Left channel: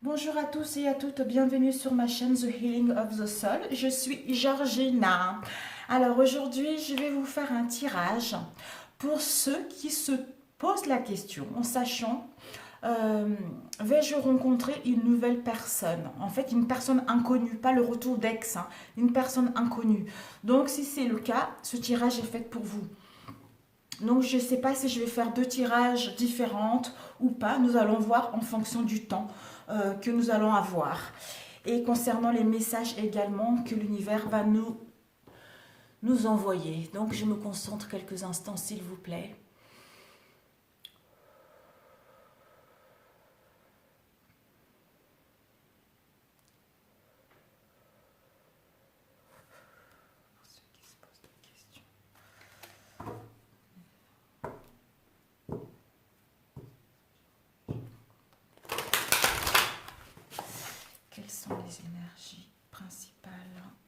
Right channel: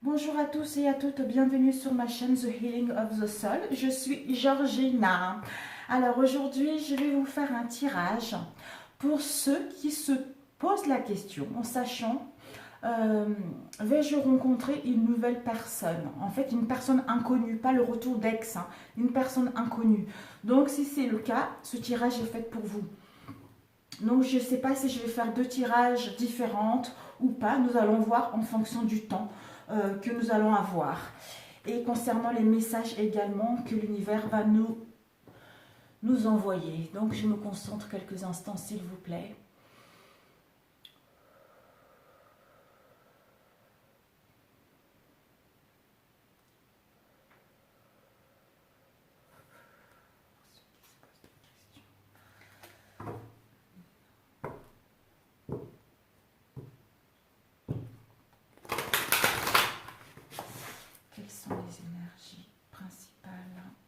Bonjour à tous et à toutes, bienvenue sur ma chaîne The Healing of the Soul. Je suis Georgina. Alors aujourd'hui, je vais vous faire un tirage pour ceux qui se posent la question en sachant vais-je rencontrer une nouvelle personne? En fait, une personne inconnue, pas le retour d'ex, hein, une personne inconnue. Donc si c'est le cas, ce tirage est fait pour vous. Donc je ne sais pas si je vais faire deux tirages différents ou pas. Nous allons voir en fonction du temps que nous allons avoir. Et concernant les messages également que l'univers va nous envoyer. Donc je me concentre quelques instants s'il vous plaît. Quelles sont les énergies principales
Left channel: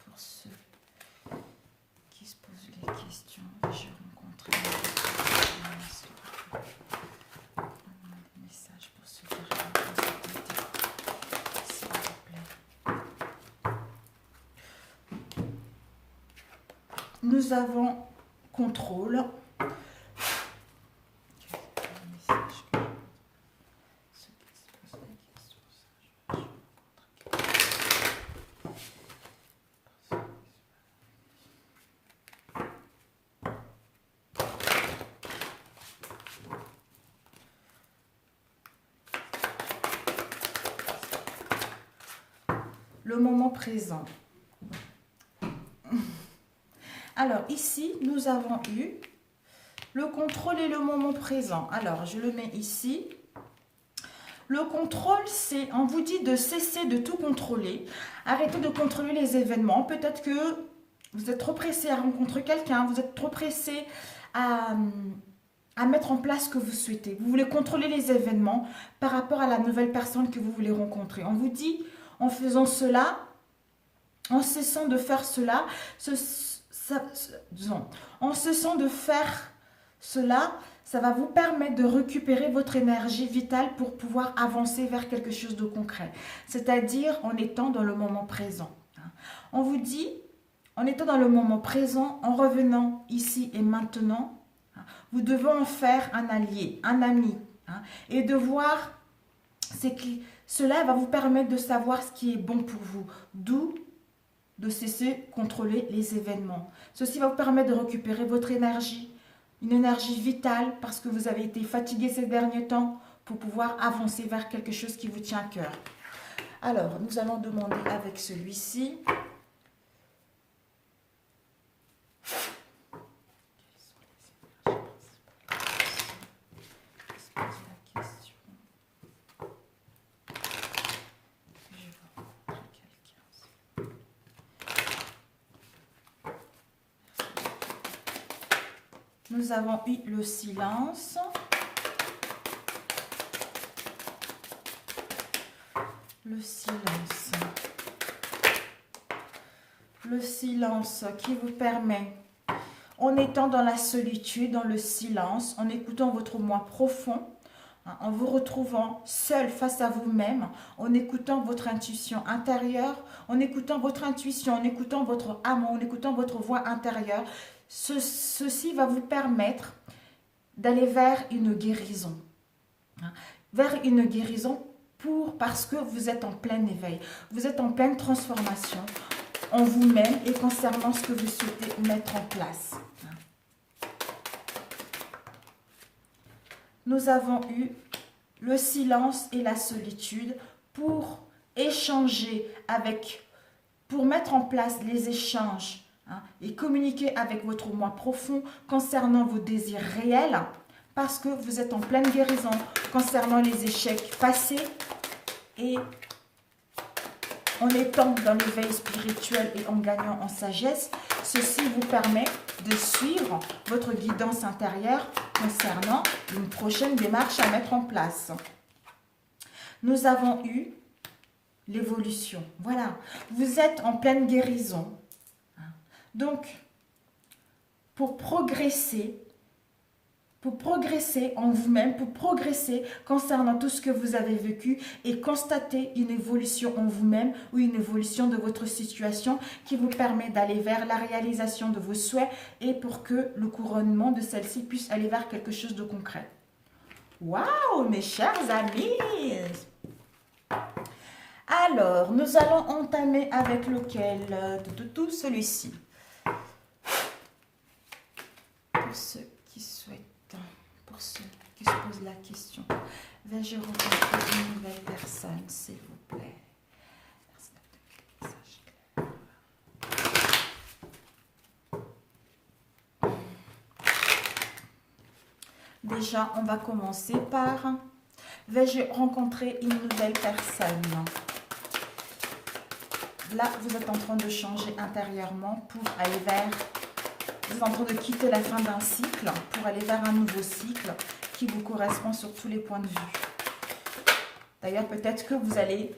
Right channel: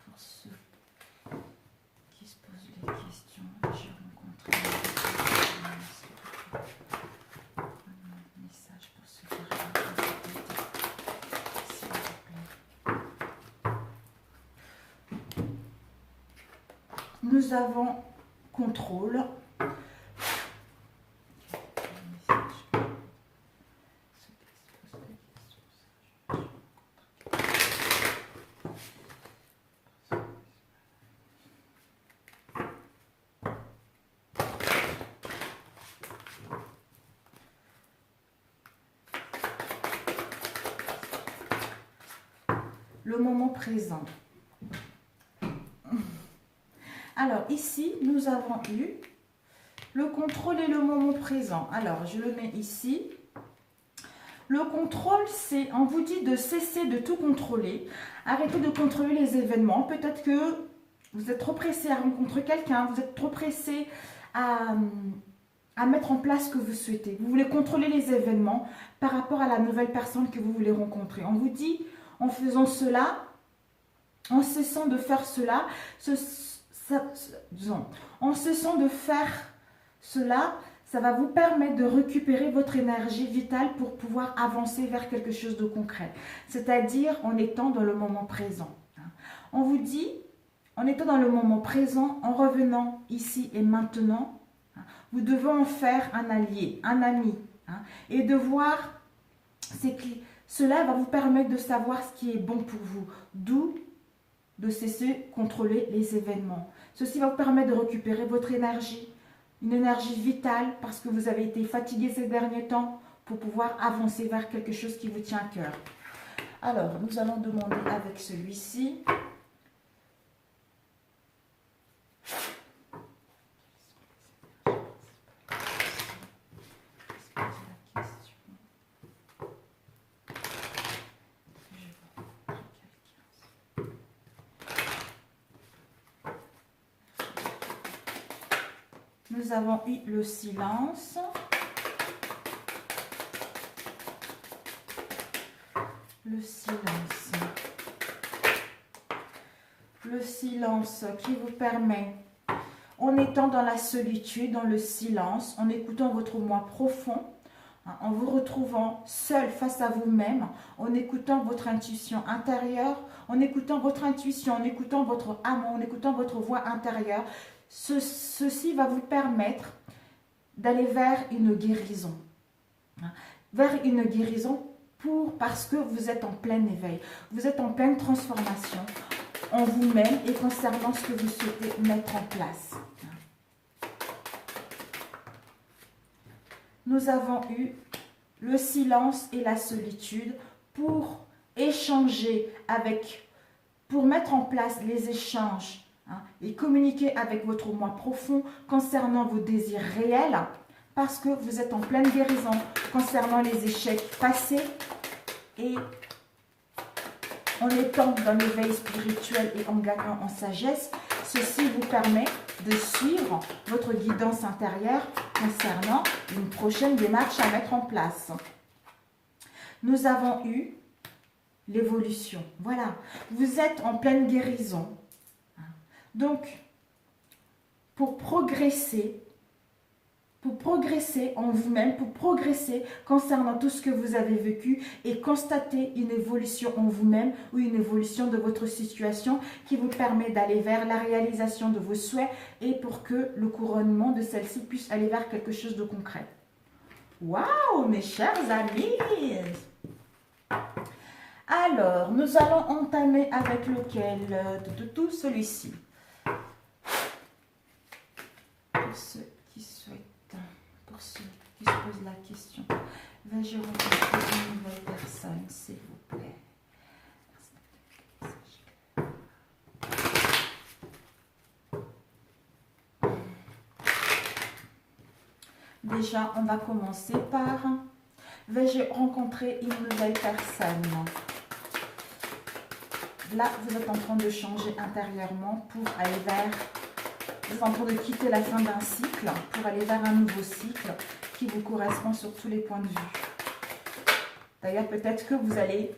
pour ceux qui se posent les questions? Je rencontre un message pour ceux qui rencontrent, s'il vous plaît. Nous avons contrôle. Le moment présent. Alors ici, nous avons eu le contrôle et le moment présent. Alors, je le mets ici. Le contrôle, c'est, on vous dit de cesser de tout contrôler. Arrêtez de contrôler les événements. Peut-être que vous êtes trop pressé à rencontrer quelqu'un, vous êtes trop pressé à mettre en place ce que vous souhaitez. Vous voulez contrôler les événements par rapport à la nouvelle personne que vous voulez rencontrer. On vous dit, en faisant cela, en cessant de faire cela, en cessant de faire cela, ça va vous permettre de récupérer votre énergie vitale pour pouvoir avancer vers quelque chose de concret. C'est-à-dire en étant dans le moment présent. On vous dit, en étant dans le moment présent, en revenant ici et maintenant, vous devez en faire un allié, un ami. Et de voir, cela va vous permettre de savoir ce qui est bon pour vous. D'où de cesser de contrôler les événements. Ceci va vous permettre de récupérer votre énergie, une énergie vitale parce que vous avez été fatigué ces derniers temps pour pouvoir avancer vers quelque chose qui vous tient à cœur. Alors, nous allons demander avec celui-ci. Nous avons eu le silence. Le silence. Le silence qui vous permet, en étant dans la solitude, dans le silence, en écoutant votre moi profond, en vous retrouvant seul face à vous-même, en écoutant votre intuition intérieure, en écoutant votre intuition, en écoutant votre âme, en écoutant votre voix intérieure, ceci va vous permettre d'aller vers une guérison. Vers une guérison parce que vous êtes en plein éveil. Vous êtes en pleine transformation en vous-même et concernant ce que vous souhaitez mettre en place. Nous avons eu le silence et la solitude pour échanger pour mettre en place les échanges et communiquer avec votre moi profond concernant vos désirs réels parce que vous êtes en pleine guérison concernant les échecs passés et en étant dans l'éveil spirituel et en gagnant en sagesse, ceci vous permet de suivre votre guidance intérieure concernant une prochaine démarche à mettre en place. Nous avons eu l'évolution. Voilà, vous êtes en pleine guérison. Donc, pour progresser, pour progresser en vous-même, pour progresser concernant tout ce que vous avez vécu et constater une évolution en vous-même ou une évolution de votre situation qui vous permet d'aller vers la réalisation de vos souhaits et pour que le couronnement de celle-ci puisse aller vers quelque chose de concret. Waouh, mes chers amis! Alors, nous allons entamer avec lequel de tout celui-ci. Pour ceux qui souhaitent, pour ceux qui se posent la question, vais-je rencontrer une nouvelle personne, s'il vous plaît? Déjà, on va commencer par vais-je rencontrer une nouvelle personne? Là, vous êtes en train de changer intérieurement pour aller vers... Vous êtes en train de quitter la fin d'un cycle pour aller vers un nouveau cycle qui vous correspond sur tous les points de vue. D'ailleurs, peut-être que vous allez,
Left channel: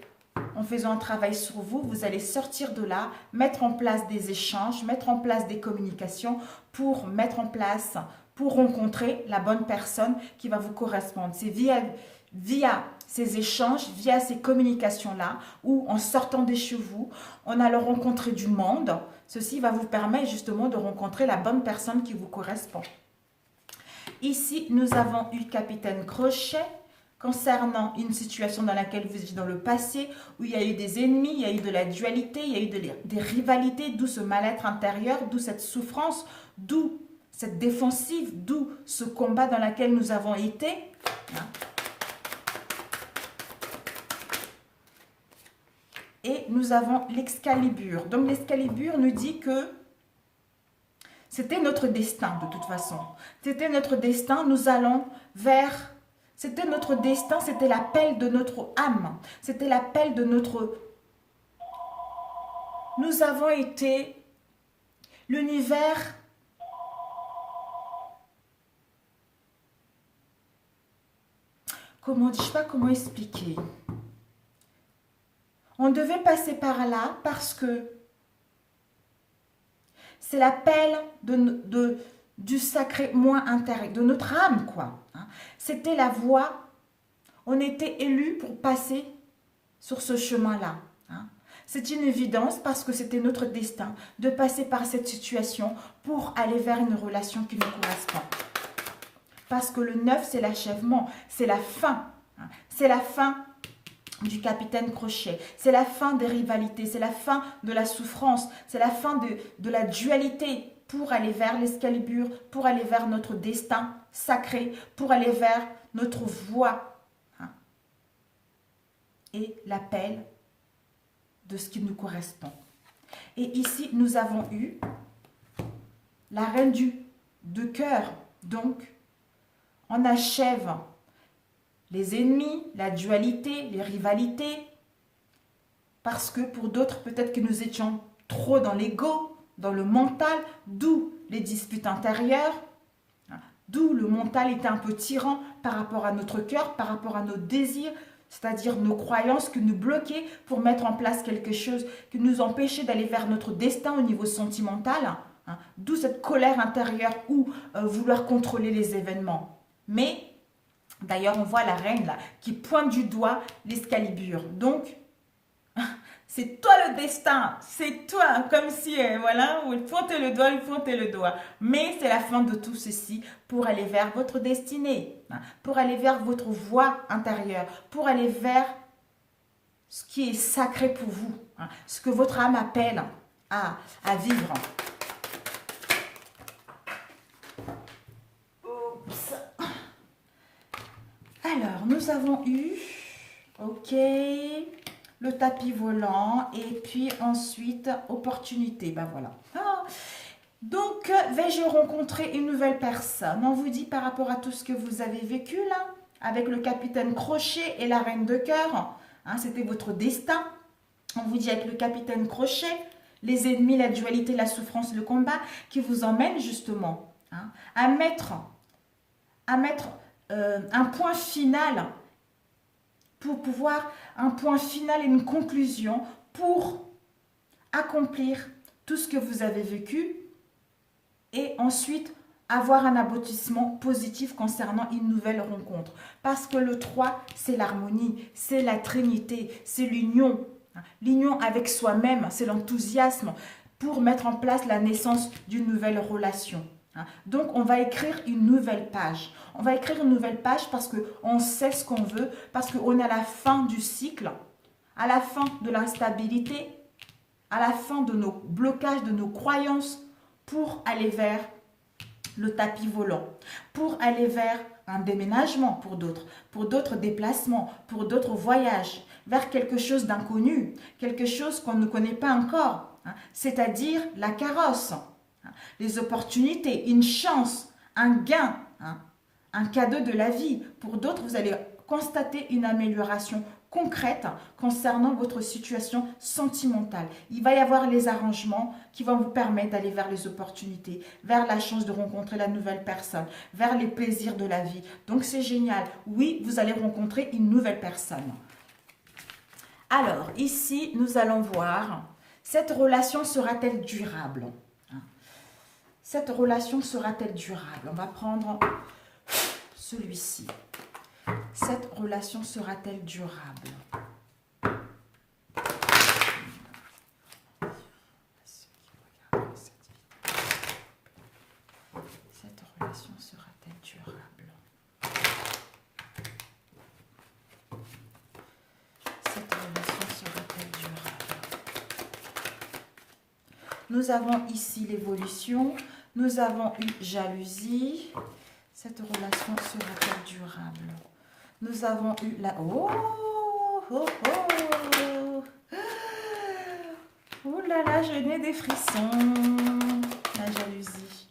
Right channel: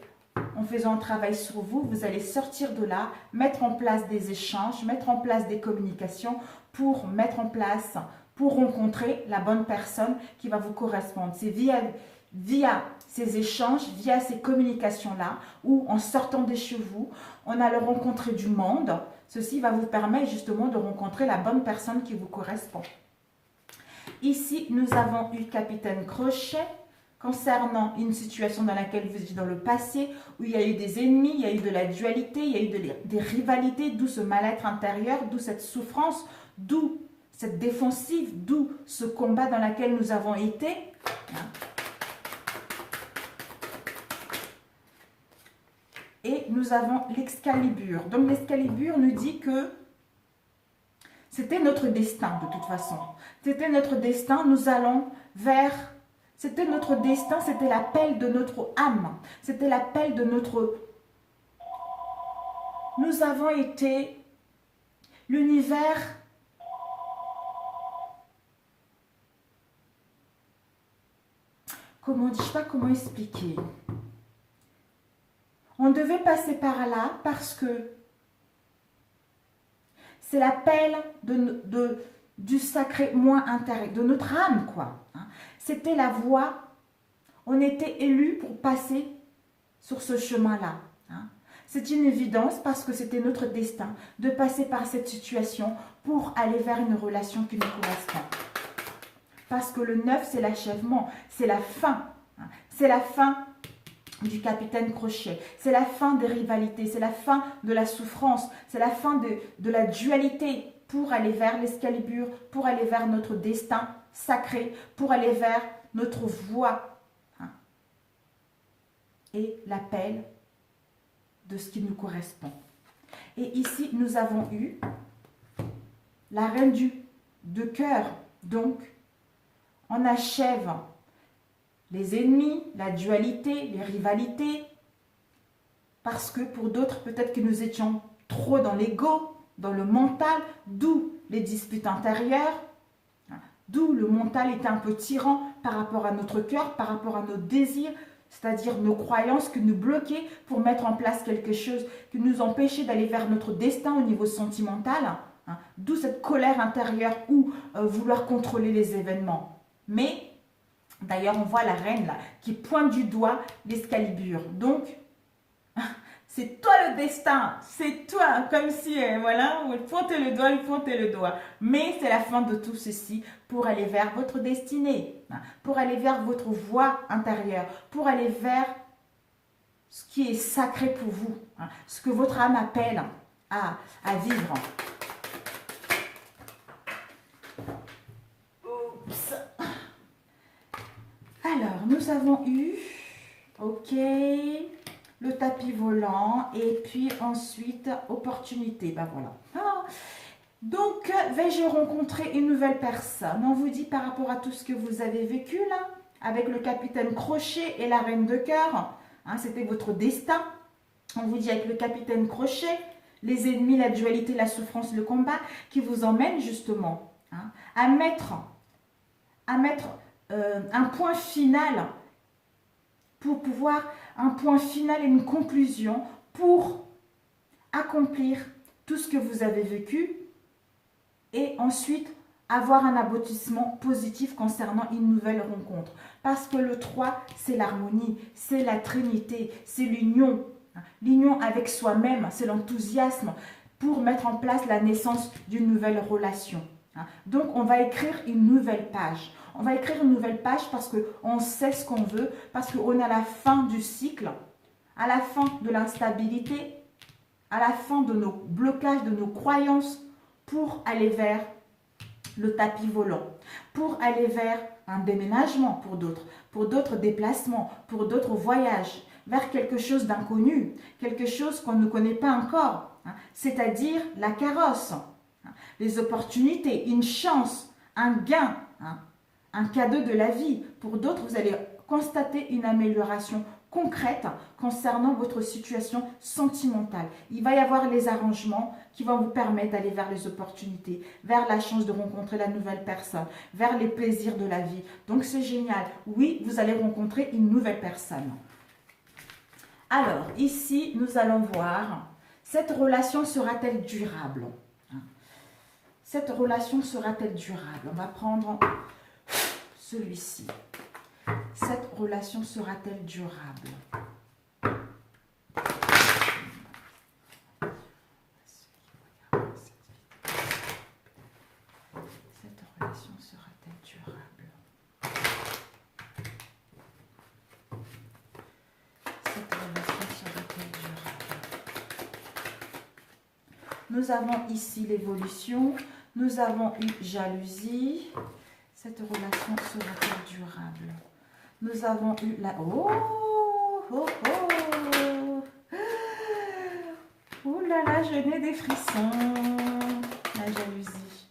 en faisant un travail sur vous, vous allez sortir de là, mettre en place des échanges, mettre en place des communications pour mettre en place, pour rencontrer la bonne personne qui va vous correspondre. C'est via ces échanges, via ces communications-là, où en sortant des chez vous, on allait rencontrer du monde. Ceci va vous permettre justement de rencontrer la bonne personne qui vous correspond. Ici, nous avons eu Capitaine Crochet concernant une situation dans laquelle vous étiez dans le passé, où il y a eu des ennemis, il y a eu de la dualité, il y a eu des rivalités, d'où ce mal-être intérieur, d'où cette souffrance, d'où cette défensive, d'où ce combat dans lequel nous avons été. Et nous avons l'Excalibur. Donc l'Excalibur nous dit que c'était notre destin de toute façon. C'était notre destin, nous allons vers... C'était notre destin, c'était l'appel de notre âme. C'était l'appel de notre... Nous avons été l'univers... Comment, je ne sais pas comment expliquer. On devait passer par là parce que c'est l'appel du sacré moi intérieur, de notre âme, quoi. C'était la voie. On était élus pour passer sur ce chemin-là. C'est une évidence parce que c'était notre destin de passer par cette situation pour aller vers une relation qui nous correspond. Parce que le 9, c'est l'achèvement, c'est la fin. C'est la fin du Capitaine Crochet. C'est la fin des rivalités, c'est la fin de la souffrance, c'est la fin de la dualité pour aller vers l'Excalibur, pour aller vers notre destin sacré, pour aller vers notre voie. Et l'appel de ce qui nous correspond. Et ici, nous avons eu la reine de cœur. Donc, on achève les ennemis, la dualité, les rivalités. Parce que pour d'autres, peut-être que nous étions trop dans l'ego, dans le mental, d'où les disputes intérieures, d'où le mental était un peu tyran par rapport à notre cœur, par rapport à nos désirs, c'est-à-dire nos croyances qui nous bloquaient pour mettre en place quelque chose qui nous empêchait d'aller vers notre destin au niveau sentimental, d'où cette colère intérieure ou vouloir contrôler les événements. Mais, d'ailleurs, on voit la reine là, qui pointe du doigt l'Excalibur. Donc, c'est toi le destin, c'est toi, comme si, voilà, vous pointez le doigt. Mais c'est la fin de tout ceci pour aller vers votre destinée, pour aller vers votre voie intérieure, pour aller vers ce qui est sacré pour vous, ce que votre âme appelle à vivre. Oups. Alors, nous avons eu, ok, le tapis volant et puis ensuite opportunité. Ben voilà. Donc, vais-je rencontrer une nouvelle personne? On vous dit par rapport à tout ce que vous avez vécu là, avec le Capitaine Crochet et la reine de cœur, c'était votre destin. On vous dit avec le Capitaine Crochet, les ennemis, la dualité, la souffrance, le combat, qui vous emmène justement à mettre un point final pour pouvoir, un point final et une conclusion pour accomplir tout ce que vous avez vécu et ensuite avoir un aboutissement positif concernant une nouvelle rencontre. Parce que le 3, c'est l'harmonie, c'est la trinité, c'est l'union. L'union avec soi-même, c'est l'enthousiasme pour mettre en place la naissance d'une nouvelle relation. Donc, on va écrire une nouvelle page. On va écrire une nouvelle page parce qu'on sait ce qu'on veut, parce qu'on est à la fin du cycle, à la fin de l'instabilité, à la fin de nos blocages, de nos croyances, pour aller vers le tapis volant, pour aller vers un déménagement pour d'autres déplacements, pour d'autres voyages, vers quelque chose d'inconnu, quelque chose qu'on ne connaît pas encore, c'est-à-dire la carrosse, les opportunités, une chance, un gain, un cadeau de la vie. Pour d'autres, vous allez constater une amélioration concrète concernant votre situation sentimentale. Il va y avoir les arrangements qui vont vous permettre d'aller vers les opportunités, vers la chance de rencontrer la nouvelle personne, vers les plaisirs de la vie. Donc c'est génial. Oui, vous allez rencontrer une nouvelle personne. Alors, ici, nous allons voir, cette relation sera-t-elle durable? Cette relation sera-t-elle durable? On va prendre celui-ci. Cette relation sera-t-elle durable? Cette relation sera-t-elle durable? Cette relation sera-t-elle durable? Nous avons ici l'évolution. Nous avons eu jalousie. Cette relation sera-t-elle durable? Nous avons eu la... Oh, oh, oh. Ouh là là, je n'ai des frissons. La jalousie.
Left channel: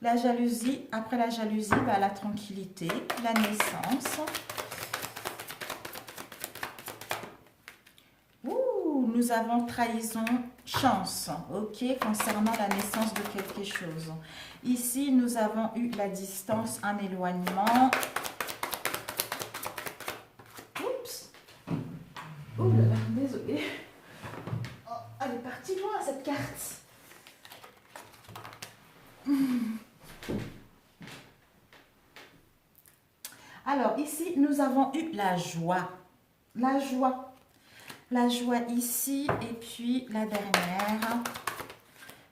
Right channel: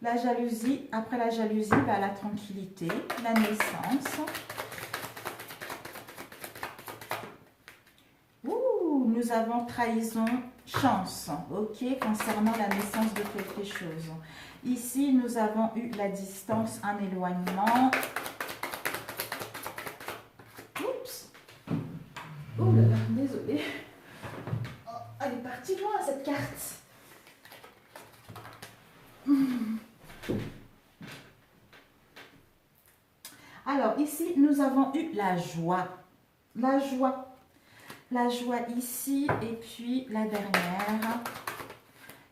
La jalousie, après la jalousie, bah, la tranquillité, la naissance. Ouh, nous avons trahison, chance, ok, concernant la naissance de quelque chose. Ici, nous avons eu la distance, un éloignement. Oups. Ouh là là, désolée. Oh, elle est partie loin, cette carte. Alors, ici, nous avons eu la joie. La joie. La joie ici, et puis la dernière.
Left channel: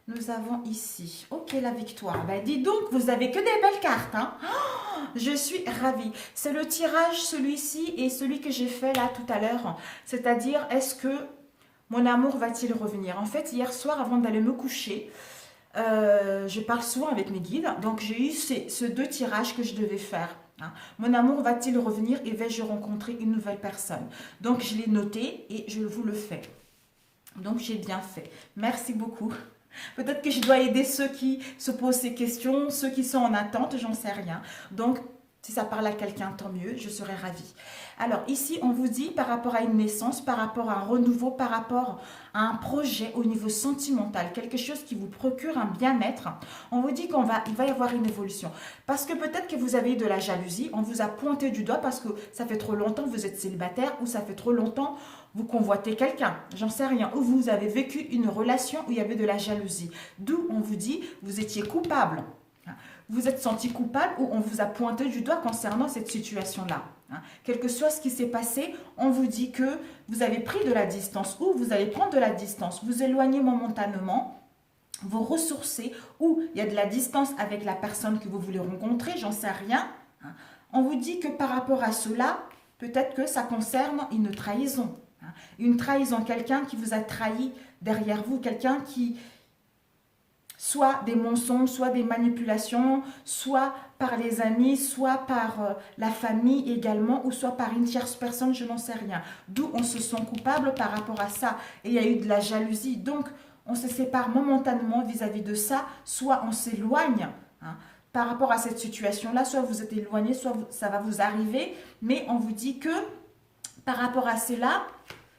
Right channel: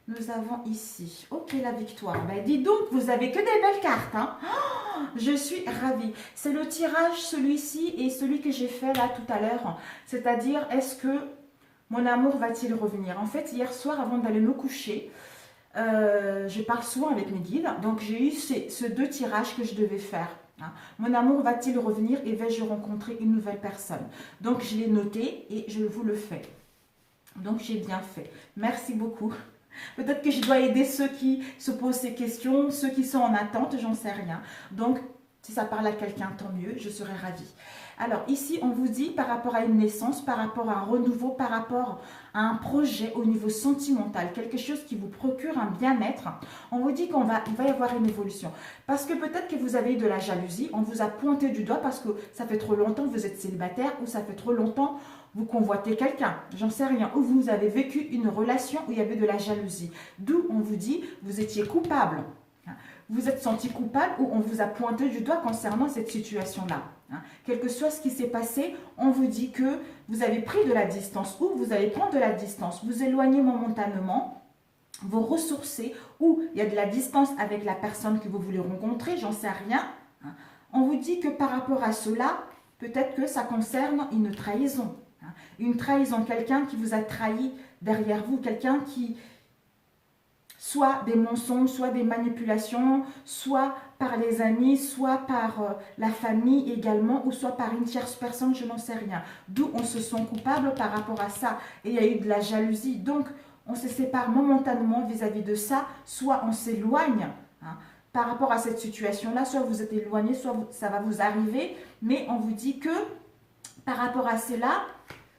Nous avons ici, ok, la victoire. Ben, dis donc, vous avez que des belles cartes. Hein? Oh, je suis ravie. C'est le tirage, celui-ci et celui que j'ai fait là tout à l'heure. C'est-à-dire, est-ce que mon amour va-t-il revenir? En fait, hier soir, avant d'aller me coucher, je parle souvent avec mes guides. Donc, j'ai eu ces deux tirages que je devais faire. Hein. Mon amour va-t-il revenir et vais-je rencontrer une nouvelle personne? Donc, je l'ai noté et je vous le fais. Donc, j'ai bien fait. Merci beaucoup. Peut-être que je dois aider ceux qui se posent ces questions, ceux qui sont en attente, j'en sais rien. Donc, si ça parle à quelqu'un, tant mieux, je serai ravie. Alors, ici, on vous dit par rapport à une naissance, par rapport à un renouveau, par rapport à un projet au niveau sentimental, quelque chose qui vous procure un bien-être, on vous dit qu'il va y avoir une évolution. Parce que peut-être que vous avez eu de la jalousie, on vous a pointé du doigt parce que ça fait trop longtemps que vous êtes célibataire ou ça fait trop longtemps vous convoitez quelqu'un, j'en sais rien, ou vous avez vécu une relation où il y avait de la jalousie. D'où on vous dit, vous étiez coupable. Vous êtes senti coupable ou on vous a pointé du doigt concernant cette situation-là. Quel que soit ce qui s'est passé, on vous dit que vous avez pris de la distance ou vous allez prendre de la distance, vous éloignez momentanément, vous ressourcez ou il y a de la distance avec la personne que vous voulez rencontrer, j'en sais rien. On vous dit que par rapport à cela, peut-être que ça concerne une trahison. Une trahison, quelqu'un qui vous a trahi derrière vous, quelqu'un qui, soit des mensonges, soit des manipulations, soit par les amis, soit par la famille également, ou soit par une tierce personne, je n'en sais rien. D'où on se sent coupable par rapport à ça. Et il y a eu de la jalousie, donc on se sépare momentanément vis-à-vis de ça, soit on s'éloigne par rapport à cette situation-là, soit vous êtes éloigné, soit ça va vous arriver, mais on vous dit que par rapport à cela,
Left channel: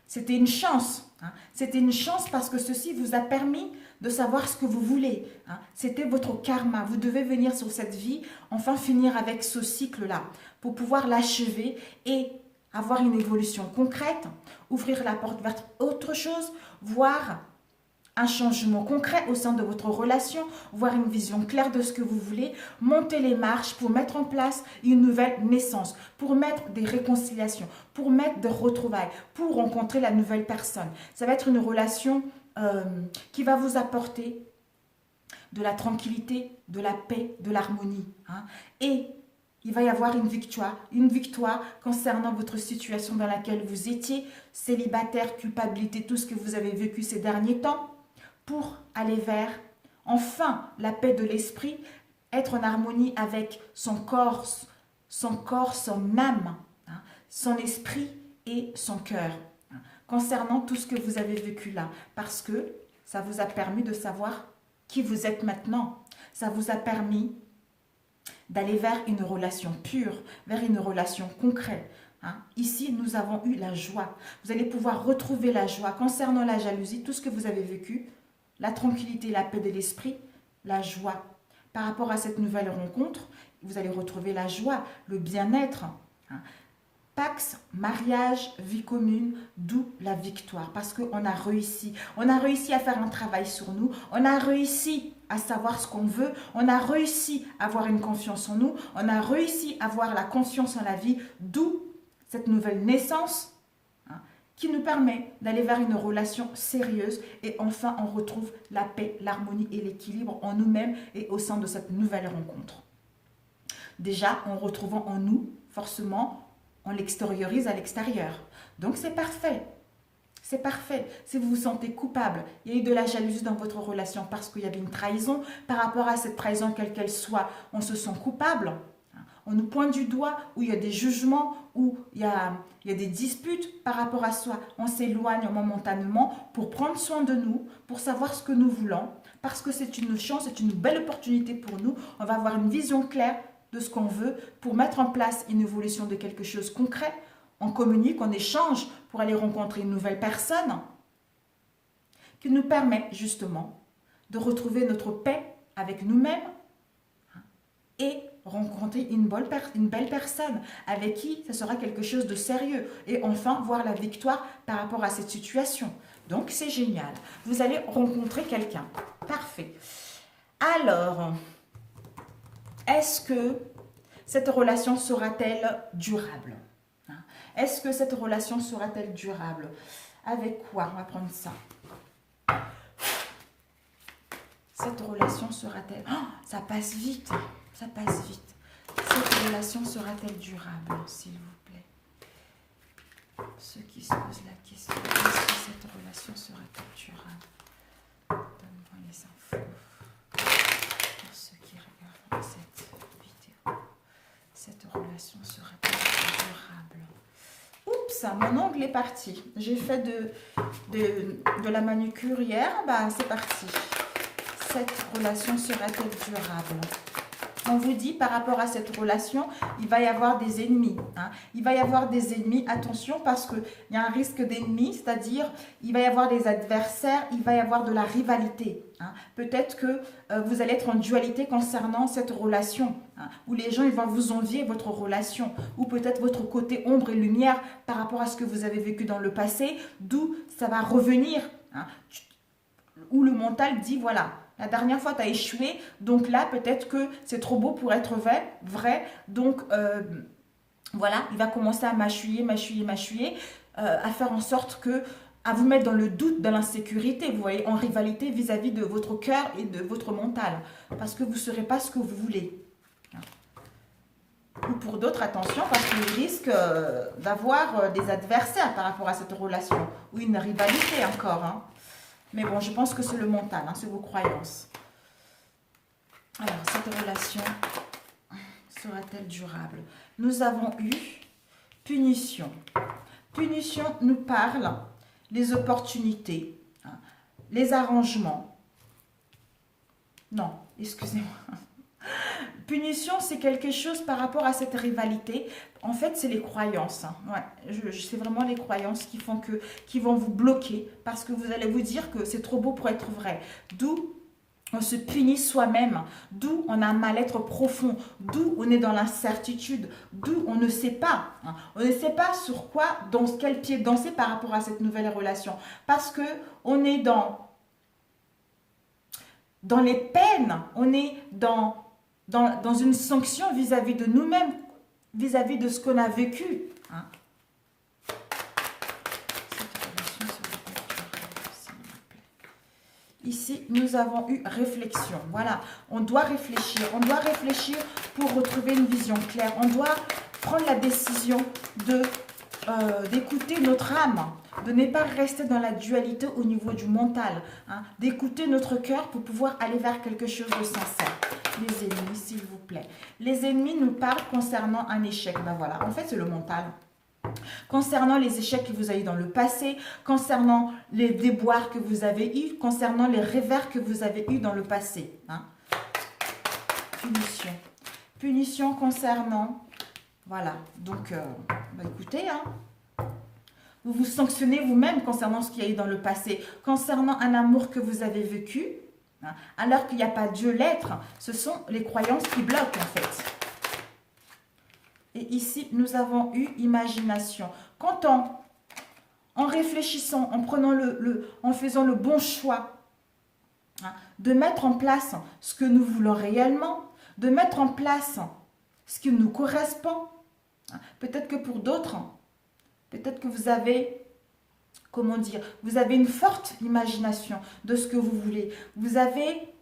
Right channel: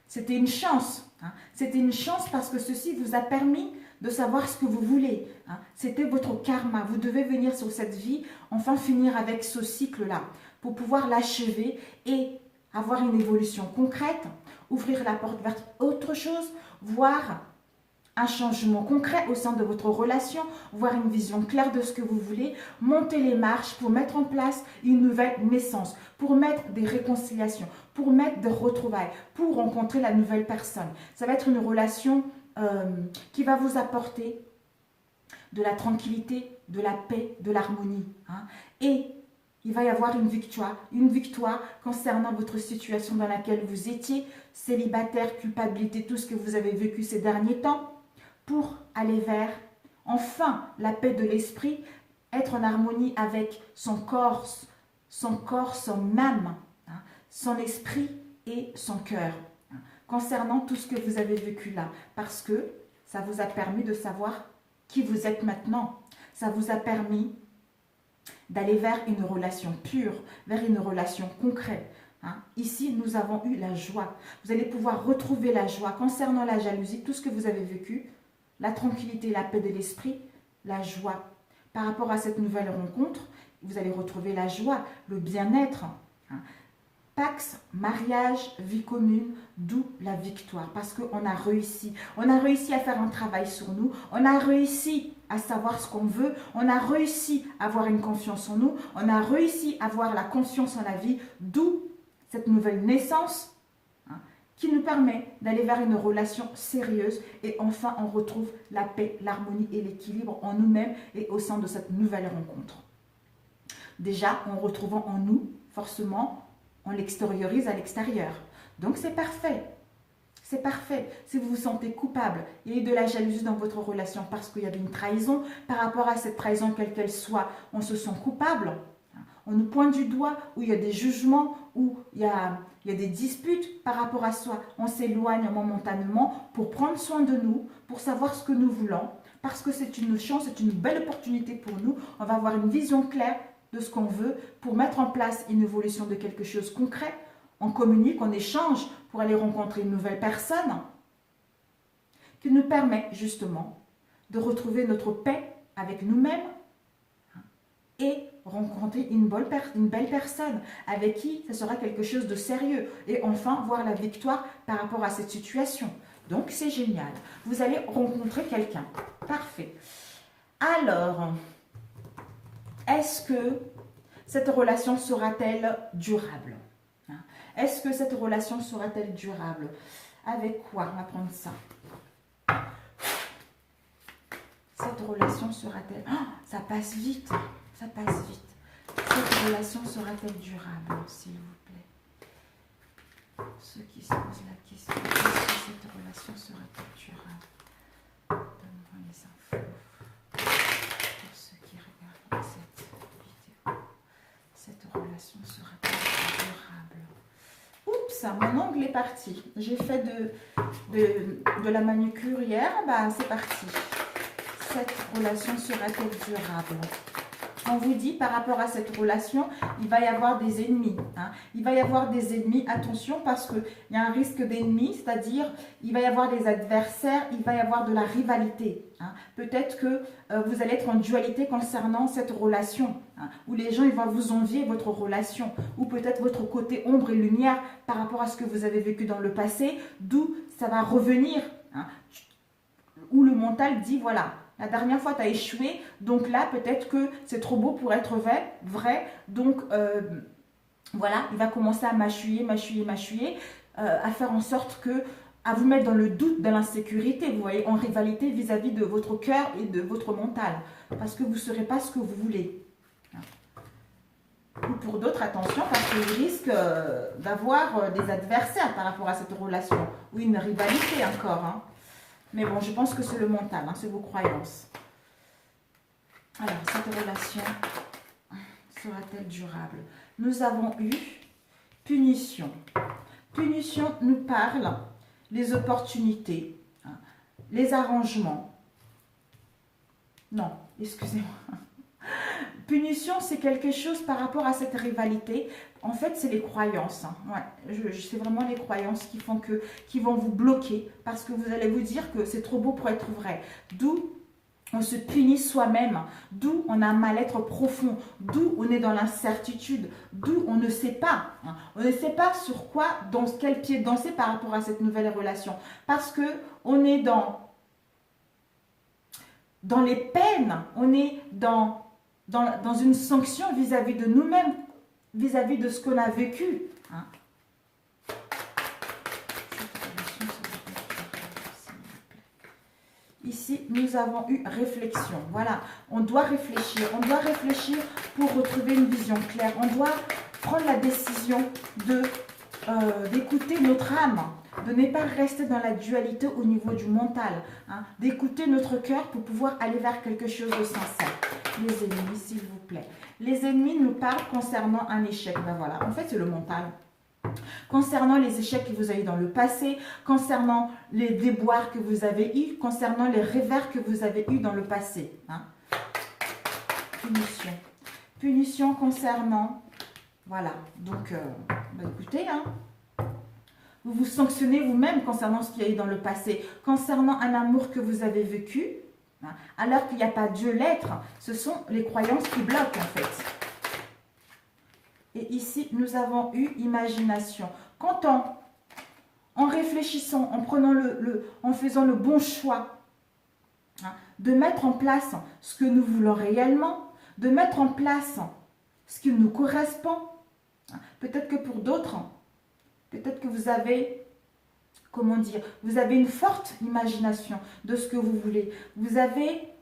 c'était une chance. C'était une chance parce que ceci vous a permis de savoir ce que vous voulez. C'était votre karma. Vous devez venir sur cette vie, enfin finir avec ce cycle-là pour pouvoir l'achever et avoir une évolution concrète, ouvrir la porte vers autre chose, voir un changement concret au sein de votre relation, voir une vision claire de ce que vous voulez, monter les marches pour mettre en place une nouvelle naissance, pour mettre des réconciliations, pour mettre des retrouvailles, pour rencontrer la nouvelle personne. Ça va être une relation qui va vous apporter de la tranquillité, de la paix, de l'harmonie. Et il va y avoir une victoire concernant votre situation dans laquelle vous étiez, célibataire, culpabilité, tout ce que vous avez vécu ces derniers temps, pour aller vers, enfin, la paix de l'esprit, être en harmonie avec son corps, son âme, son esprit et son cœur, concernant tout ce que vous avez vécu là, parce que ça vous a permis de savoir qui vous êtes maintenant. Ça vous a permis d'aller vers une relation pure, vers une relation concrète. Ici, nous avons eu la joie. Vous allez pouvoir retrouver la joie concernant la jalousie, tout ce que vous avez vécu, la tranquillité, la paix de l'esprit, la joie. Par rapport à cette nouvelle rencontre, vous allez retrouver la joie, le bien-être. Pax, mariage, vie commune, d'où la victoire. Parce qu'on a réussi. On a réussi à faire un travail sur nous. On a réussi à savoir ce qu'on veut. On a réussi à avoir une confiance en nous. On a réussi à avoir la confiance en la vie. D'où cette nouvelle naissance qui nous permet d'aller vers une relation sérieuse. Et enfin, on retrouve la paix, l'harmonie et l'équilibre en nous-mêmes et au sein de cette nouvelle rencontre. Déjà, en retrouvant en nous, forcément, on l'extériorise à l'extérieur. Donc, c'est parfait. C'est parfait. Si vous vous sentez coupable, il y a eu de la jalousie dans votre relation parce qu'il y avait une trahison, par rapport à cette trahison, quelle qu'elle soit, on se sent coupable. On nous pointe du doigt, où il y a des jugements, où il y a des disputes par rapport à soi. On s'éloigne momentanément pour prendre soin de nous, pour savoir ce que nous voulons, parce que c'est une chance, c'est une belle opportunité pour nous. On va avoir une vision claire de ce qu'on veut pour mettre en place une évolution de quelque chose de concret. On communique, on échange pour aller rencontrer une nouvelle personne qui nous permet justement de retrouver notre paix avec nous-mêmes et rencontrer une belle personne avec qui ça sera quelque chose de sérieux et enfin voir la victoire par rapport à cette situation. Donc c'est génial. Vous allez rencontrer quelqu'un. Parfait. Alors, est-ce que cette relation sera-t-elle durable? Est-ce que cette relation sera-t-elle durable? Avec quoi? On va prendre ça. Cette relation sera-t-elle... Oh, ça passe vite. Ça passe vite. Cette relation sera-t-elle durable, s'il vous plaît? Ceux qui se posent la question, est-ce que cette relation sera-t-elle durable? Donne-moi les infos. Pour ceux qui regardent cette vidéo, cette relation sera-t-elle durable? Oups, mon ongle est parti. J'ai fait de la manucure hier, c'est parti. Cette relation sera-t-elle durable? On vous dit par rapport à cette relation, il va y avoir des ennemis. Il va y avoir des ennemis, attention, parce qu'il y a un risque d'ennemis, c'est-à-dire il va y avoir des adversaires, il va y avoir de la rivalité. Peut-être que vous allez être en dualité concernant cette relation, où les gens ils vont vous envier votre relation, ou peut-être votre côté ombre et lumière par rapport à ce que vous avez vécu dans le passé, d'où ça va revenir, où le mental dit voilà. La dernière fois, tu as échoué, donc là, peut-être que c'est trop beau pour être vrai. Donc, voilà, il va commencer à mâchouiller, à faire en sorte que, à vous mettre dans le doute, dans l'insécurité, vous voyez, en rivalité vis-à-vis de votre cœur et de votre mental, parce que vous ne serez pas ce que vous voulez. Ou pour d'autres, attention, parce qu'il risque d'avoir des adversaires par rapport à cette relation, ou une rivalité encore, Mais bon, je pense que c'est le mental, c'est vos croyances. Alors, cette relation sera-t-elle durable? Nous avons eu punition. Punition nous parle des opportunités, les arrangements. Non, excusez-moi. Punition, c'est quelque chose par rapport à cette rivalité. En fait, c'est les croyances. C'est vraiment les croyances qui vont vous bloquer parce que vous allez vous dire que c'est trop beau pour être vrai. D'où on se punit soi-même, d'où on a un mal-être profond, d'où on est dans l'incertitude, d'où on ne sait pas. On ne sait pas sur quoi, dans quel pied danser par rapport à cette nouvelle relation. Parce qu'on est dans dans les peines, on est dans une sanction vis-à-vis de nous-mêmes, vis-à-vis de ce qu'on a vécu. Hein. Ici, nous avons eu réflexion. Voilà, on doit réfléchir. On doit réfléchir pour retrouver une vision claire. On doit prendre la décision d'écouter notre âme, de ne pas rester dans la dualité au niveau du mental, hein, d'écouter notre cœur pour pouvoir aller vers quelque chose de sincère. Les ennemis, s'il vous plaît. Les ennemis nous parlent concernant un échec. Ben voilà, en fait, c'est le mental. Concernant les échecs que vous avez eu dans le passé, concernant les déboires que vous avez eus, concernant les revers que vous avez eus dans le passé. Hein. Punition. Punition concernant... Voilà, donc, écoutez, hein, vous vous sanctionnez vous-même concernant ce qu'il y a eu dans le passé, concernant un amour que vous avez vécu, hein, alors qu'il n'y a pas Dieu l'être, ce sont les croyances qui bloquent en fait. Et ici, nous avons eu imagination. Quand en réfléchissant, en prenant en faisant le bon choix, hein, de mettre en place ce que nous voulons réellement, de mettre en place ce qui nous correspond. Peut-être que pour d'autres, peut-être que vous avez, comment dire, vous avez une forte imagination de ce que vous voulez. Vous avez,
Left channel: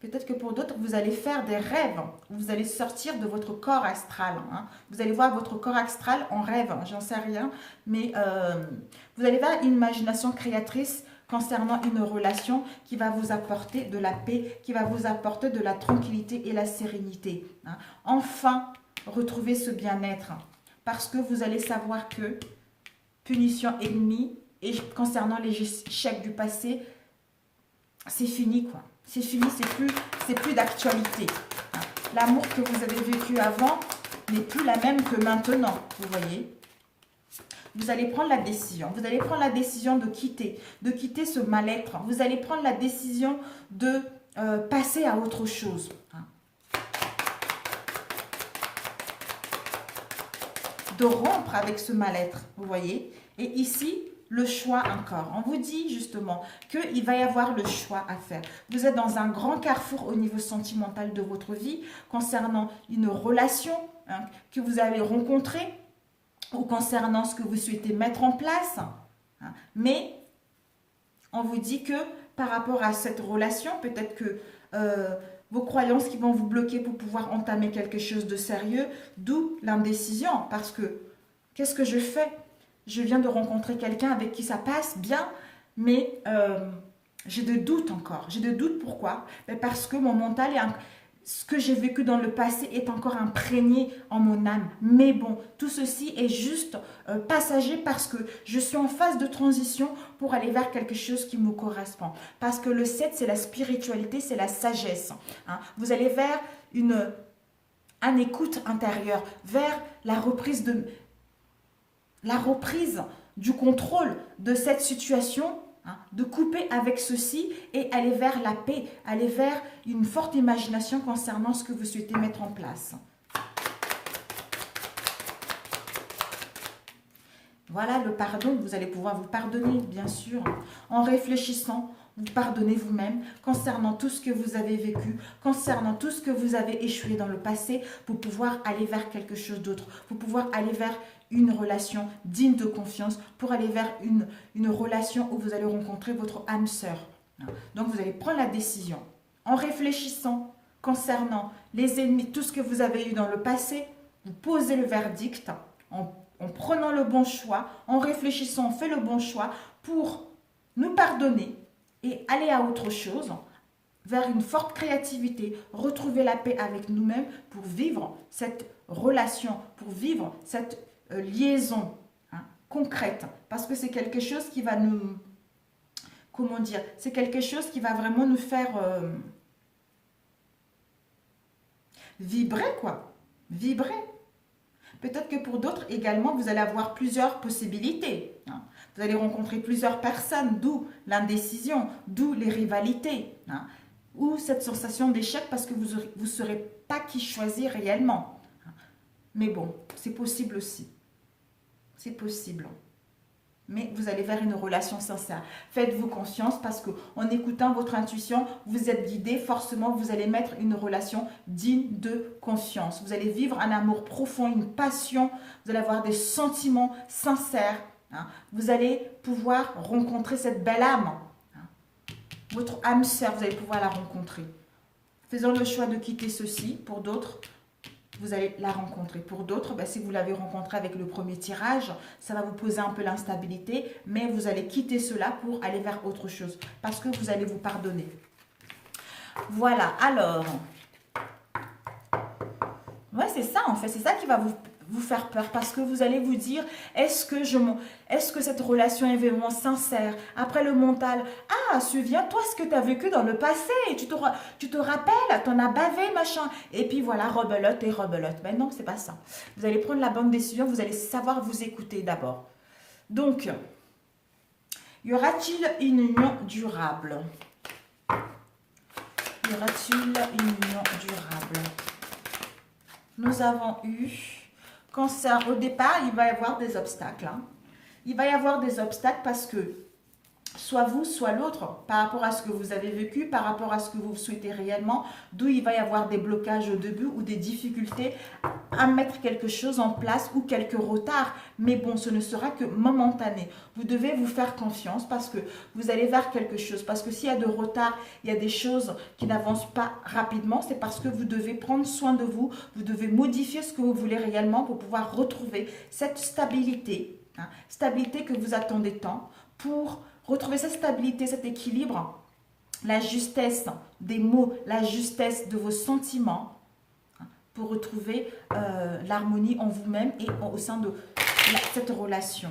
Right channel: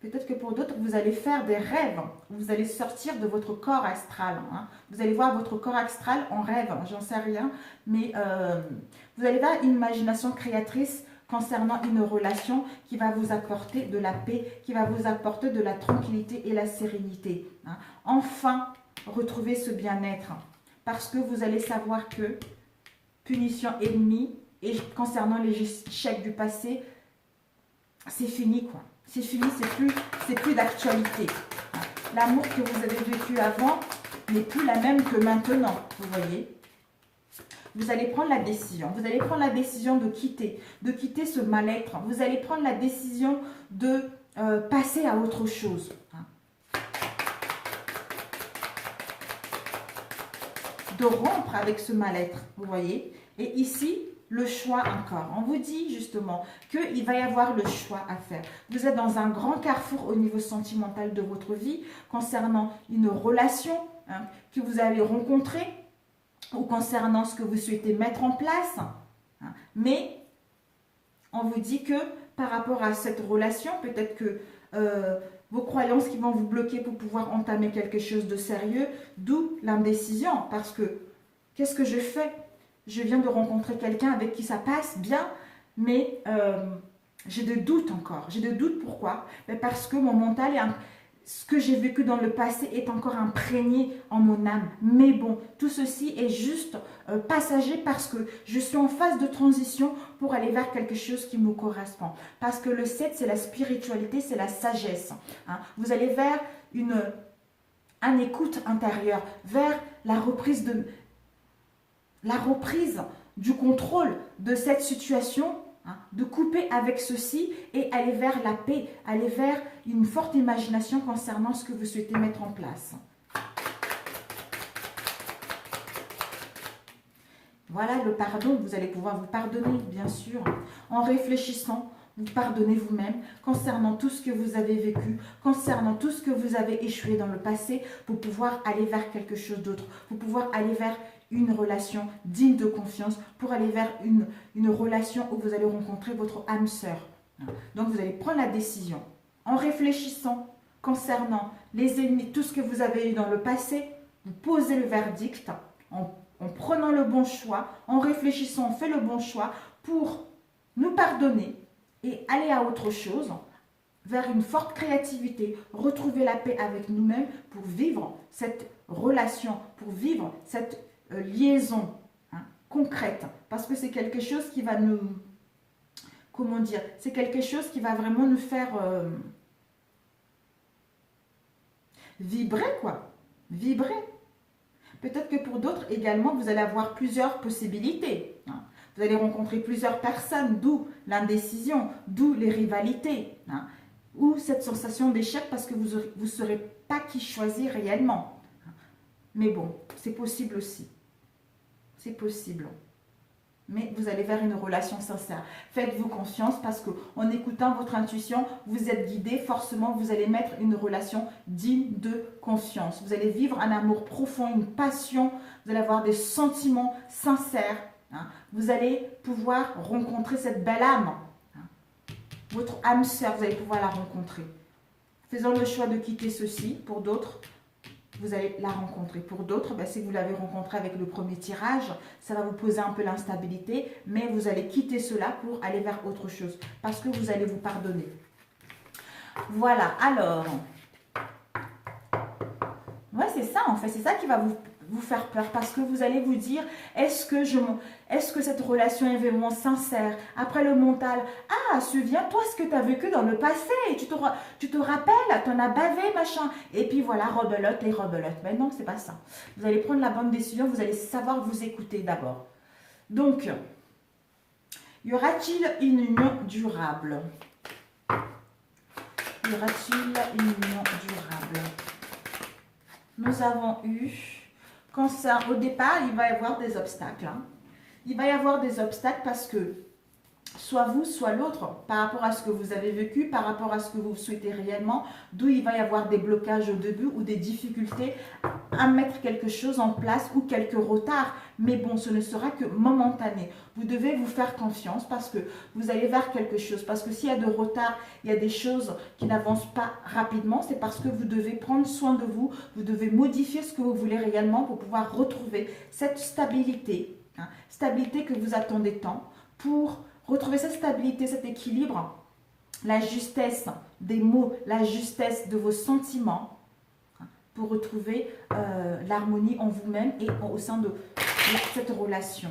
peut-être que pour d'autres, vous allez faire des rêves. Vous allez sortir de votre corps astral. Hein. Vous allez voir votre corps astral en rêve, j'en sais rien. Mais vous allez avoir une imagination créatrice concernant une relation qui va vous apporter de la paix, qui va vous apporter de la tranquillité et la sérénité. Hein. Enfin, retrouvez ce bien-être. Parce que vous allez savoir que punition ennemie et concernant les échecs du passé, c'est fini quoi. C'est fini, c'est plus d'actualité. L'amour que vous avez vécu avant n'est plus la même que maintenant, vous voyez. Vous allez prendre la décision. Vous allez prendre la décision de quitter ce mal-être. Vous allez prendre la décision de passer à autre chose. De rompre avec ce mal-être, vous voyez. Et ici, le choix encore. On vous dit justement qu'il va y avoir le choix à faire. Vous êtes dans un grand carrefour au niveau sentimental de votre vie concernant une relation hein, que vous allez rencontrer ou concernant ce que vous souhaitez mettre en place. Hein. Mais on vous dit que par rapport à cette relation, peut-être que vos croyances qui vont vous bloquer pour pouvoir entamer quelque chose de sérieux, d'où l'indécision. Parce que, qu'est-ce que je fais? Je viens de rencontrer quelqu'un avec qui ça passe bien, mais j'ai des doutes encore. J'ai des doutes, pourquoi? Parce que mon mental, ce que j'ai vécu dans le passé est encore imprégné en mon âme. Mais bon, tout ceci est juste passager parce que je suis en phase de transition pour aller vers quelque chose qui me correspond. Parce que le 7, c'est la spiritualité, c'est la sagesse. Hein. Vous allez vers un écoute intérieure, vers la reprise du contrôle de cette situation, hein, de couper avec ceci et aller vers la paix, aller vers une forte imagination concernant ce que vous souhaitez mettre en place. Voilà le pardon, vous allez pouvoir vous pardonner, bien sûr, en réfléchissant, vous pardonnez vous-même concernant tout ce que vous avez vécu, concernant tout ce que vous avez échoué dans le passé, pour pouvoir aller vers quelque chose d'autre, pour pouvoir aller vers une relation digne de confiance, pour aller vers une relation où vous allez rencontrer votre âme sœur. Donc vous allez prendre la décision en réfléchissant concernant les ennemis, tout ce que vous avez eu dans le passé, vous posez le verdict en prenant le bon choix, en réfléchissant, on fait le bon choix pour nous pardonner et aller à autre chose, vers une forte créativité, retrouver la paix avec nous-mêmes pour vivre cette relation, pour vivre cette liaison hein, concrète. Parce que c'est quelque chose qui va nous... Comment dire? C'est quelque chose qui va vraiment nous faire vibrer, quoi. Vibrer. Peut-être que pour d'autres également, vous allez avoir plusieurs possibilités. Hein. Vous allez rencontrer plusieurs personnes, d'où l'indécision, d'où les rivalités. Hein. Ou cette sensation d'échec parce que vous ne saurez pas qui choisir réellement. Mais bon, c'est possible aussi. C'est possible. mais vous allez vers une relation sincère. Faites-vous confiance parce qu'en écoutant votre intuition, vous êtes guidé. Forcément, vous allez mettre une relation digne de confiance. Vous allez vivre un amour profond, une passion. Vous allez avoir des sentiments sincères. Hein. Vous allez pouvoir rencontrer cette belle âme. Hein. Votre âme sœur, vous allez pouvoir la rencontrer. Faisons le choix de quitter ceci. Pour d'autres, vous allez la rencontrer. Pour d'autres, ben, si vous l'avez rencontré avec le premier tirage, ça va vous poser un peu l'instabilité, mais vous allez quitter cela pour aller vers autre chose, parce que vous allez vous pardonner. Voilà, alors, ouais, c'est ça en fait, c'est ça qui va vous faire peur, parce que vous allez vous dire, est-ce que cette relation est vraiment sincère? Après le mental, ah, souviens-toi ce que tu as vécu dans le passé, tu te rappelles, tu en as bavé, machin, et puis voilà, rebelote et rebelote. Mais non, c'est pas ça. Vous allez prendre la bonne décision, vous allez savoir vous écouter d'abord. Donc, y aura-t-il une union durable? Y aura-t-il une union durable? Nous avons eu... Cancer, au départ, il va y avoir des obstacles. Hein. Il va y avoir des obstacles parce que soit vous, soit l'autre, par rapport à ce que vous avez vécu, par rapport à ce que vous souhaitez réellement, d'où il va y avoir des blocages au début ou des difficultés à mettre quelque chose en place ou quelques retards. Mais bon, ce ne sera que momentané. Vous devez vous faire confiance parce que vous allez vers quelque chose. Parce que s'il y a de retard, il y a des choses qui n'avancent pas rapidement, c'est parce que vous devez prendre soin de vous, vous devez modifier ce que vous voulez réellement pour pouvoir retrouver cette stabilité, hein, stabilité que vous attendez tant, pour retrouver cette stabilité, cet équilibre, la justesse des mots, la justesse de vos sentiments, hein, pour retrouver l'harmonie en vous-même et au sein de cette relation.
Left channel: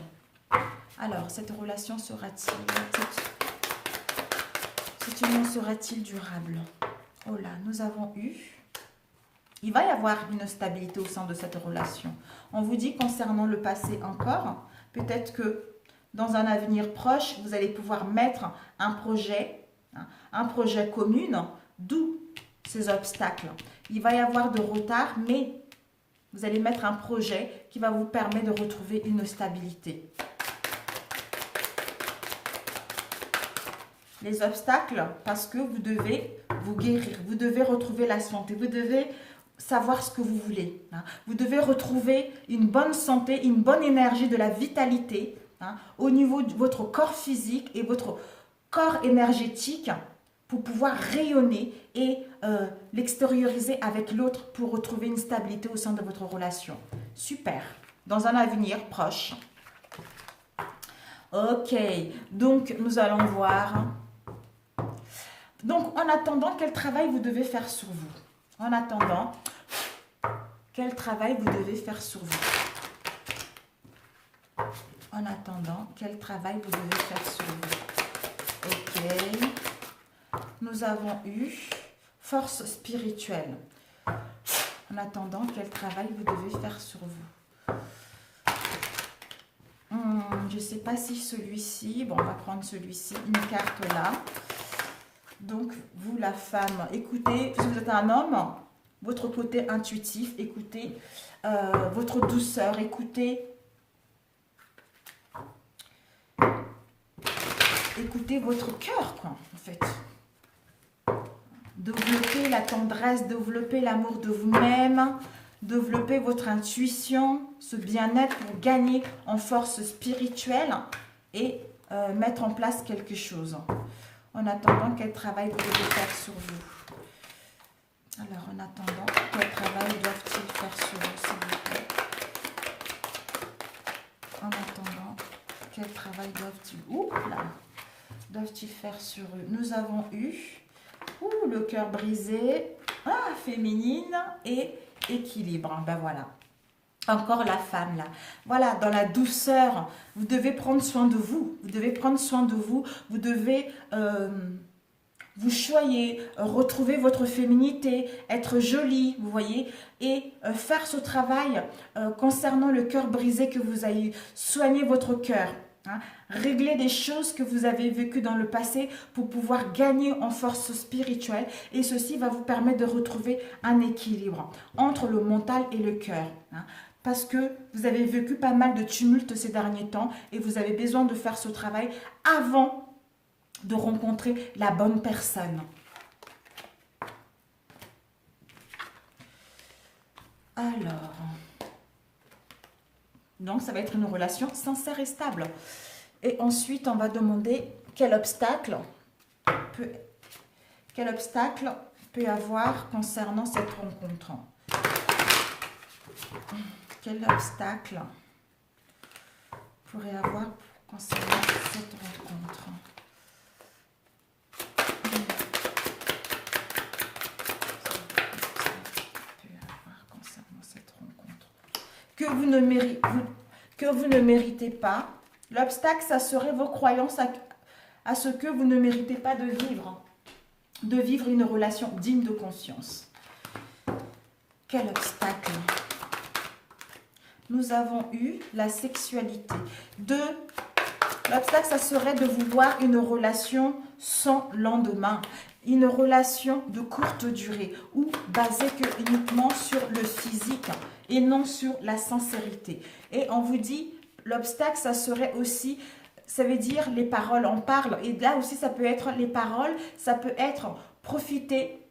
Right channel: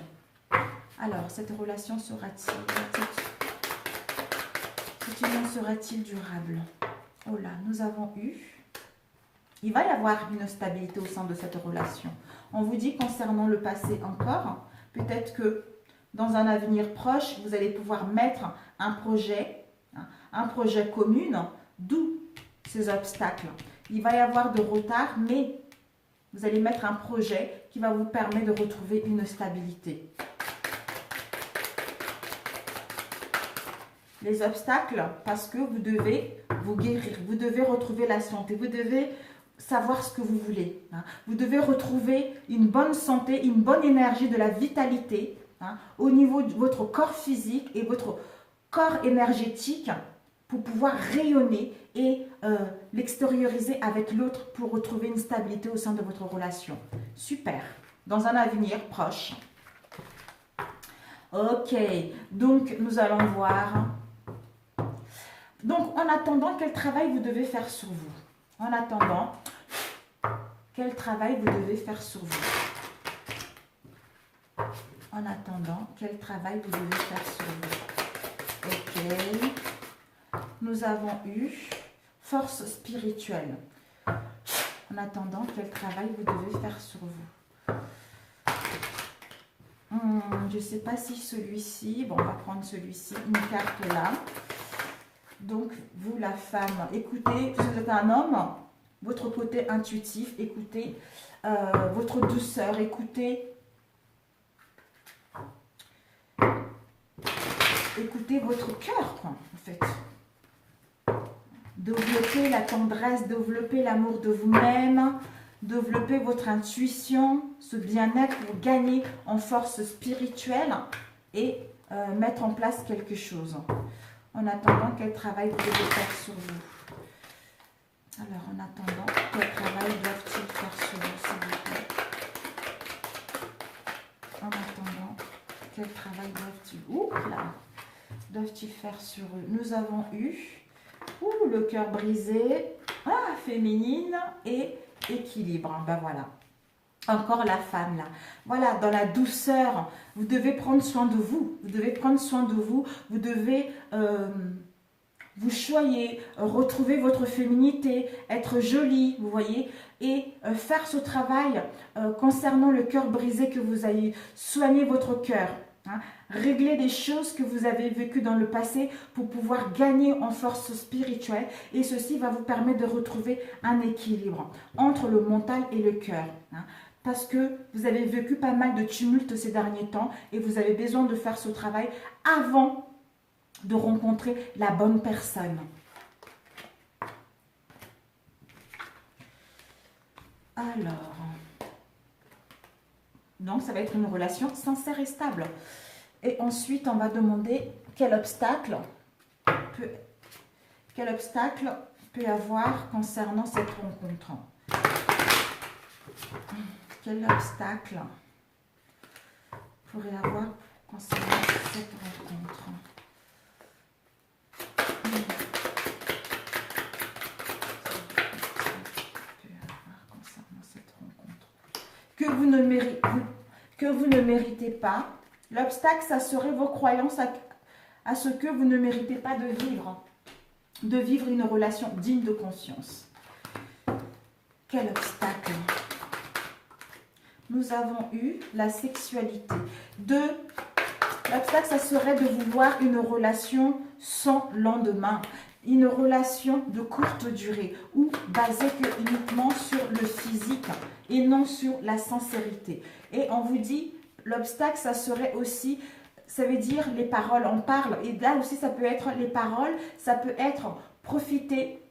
Alors, cette relation sera-t-il durable? Oh là, nous avons eu... Il va y avoir une stabilité au sein de cette relation. On vous dit concernant le passé encore, peut-être que dans un avenir proche, vous allez pouvoir mettre un projet commun, d'où ces obstacles. Il va y avoir de retard, mais vous allez mettre un projet qui va vous permettre de retrouver une stabilité. Les obstacles, parce que vous devez vous guérir, vous devez retrouver la santé, vous devez savoir ce que vous voulez. Hein. Vous devez retrouver une bonne santé, une bonne énergie, de la vitalité, hein, au niveau de votre corps physique et votre corps énergétique pour pouvoir rayonner et l'extérioriser avec l'autre pour retrouver une stabilité au sein de votre relation. Super. Dans un avenir proche. Ok. Donc, nous allons voir... Donc, en attendant, quel travail vous devez faire sur vous? En attendant, quel travail vous devez faire sur vous? En attendant, quel travail vous devez faire sur vous? Ok. Nous avons eu force spirituelle. En attendant, quel travail vous devez faire sur vous? Je ne sais pas si celui-ci... Bon, on va prendre celui-ci, une carte là. Donc, vous, la femme, écoutez, si vous êtes un homme, votre côté intuitif, écoutez votre douceur, écoutez votre cœur, quoi, en fait. Développez la tendresse, développez l'amour de vous-même, développez votre intuition, ce bien-être pour gagner en force spirituelle et mettre en place quelque chose. En attendant, quel travail vous devez faire sur vous? Alors, en attendant, quel travail doivent-ils faire sur vous, s'il vous plaît? En attendant, quel travail doivent-ils faire sur eux? Nous avons eu le cœur brisé, féminine et équilibre. Ben voilà. Encore la femme là. Voilà, dans la douceur, vous devez prendre soin de vous. Vous devez prendre soin de vous. Vous devez vous choyer, retrouver votre féminité, être jolie, vous voyez, et faire ce travail concernant le cœur brisé que vous avez, soigner votre cœur. Hein, régler des choses que vous avez vécues dans le passé pour pouvoir gagner en force spirituelle, et ceci va vous permettre de retrouver un équilibre entre le mental et le cœur. Hein. parce que vous avez vécu pas mal de tumultes ces derniers temps et vous avez besoin de faire ce travail avant de rencontrer la bonne personne. Alors, donc ça va être une relation sincère et stable. Et ensuite, on va demander quel obstacle peut y avoir concernant cette rencontre. Quel obstacle pourrait y avoir concernant cette rencontre? Que vous ne méritez pas. L'obstacle, ça serait vos croyances à ce que vous ne méritez pas de vivre une relation digne de conscience. Quel obstacle? Nous avons eu la sexualité. L'obstacle, ça serait de vouloir une relation sans lendemain. Une relation de courte durée ou basée uniquement sur le physique et non sur la sincérité. Et on vous dit, l'obstacle, ça serait aussi, ça veut dire les paroles, on parle. Et là aussi, ça peut être les paroles, ça peut être profiter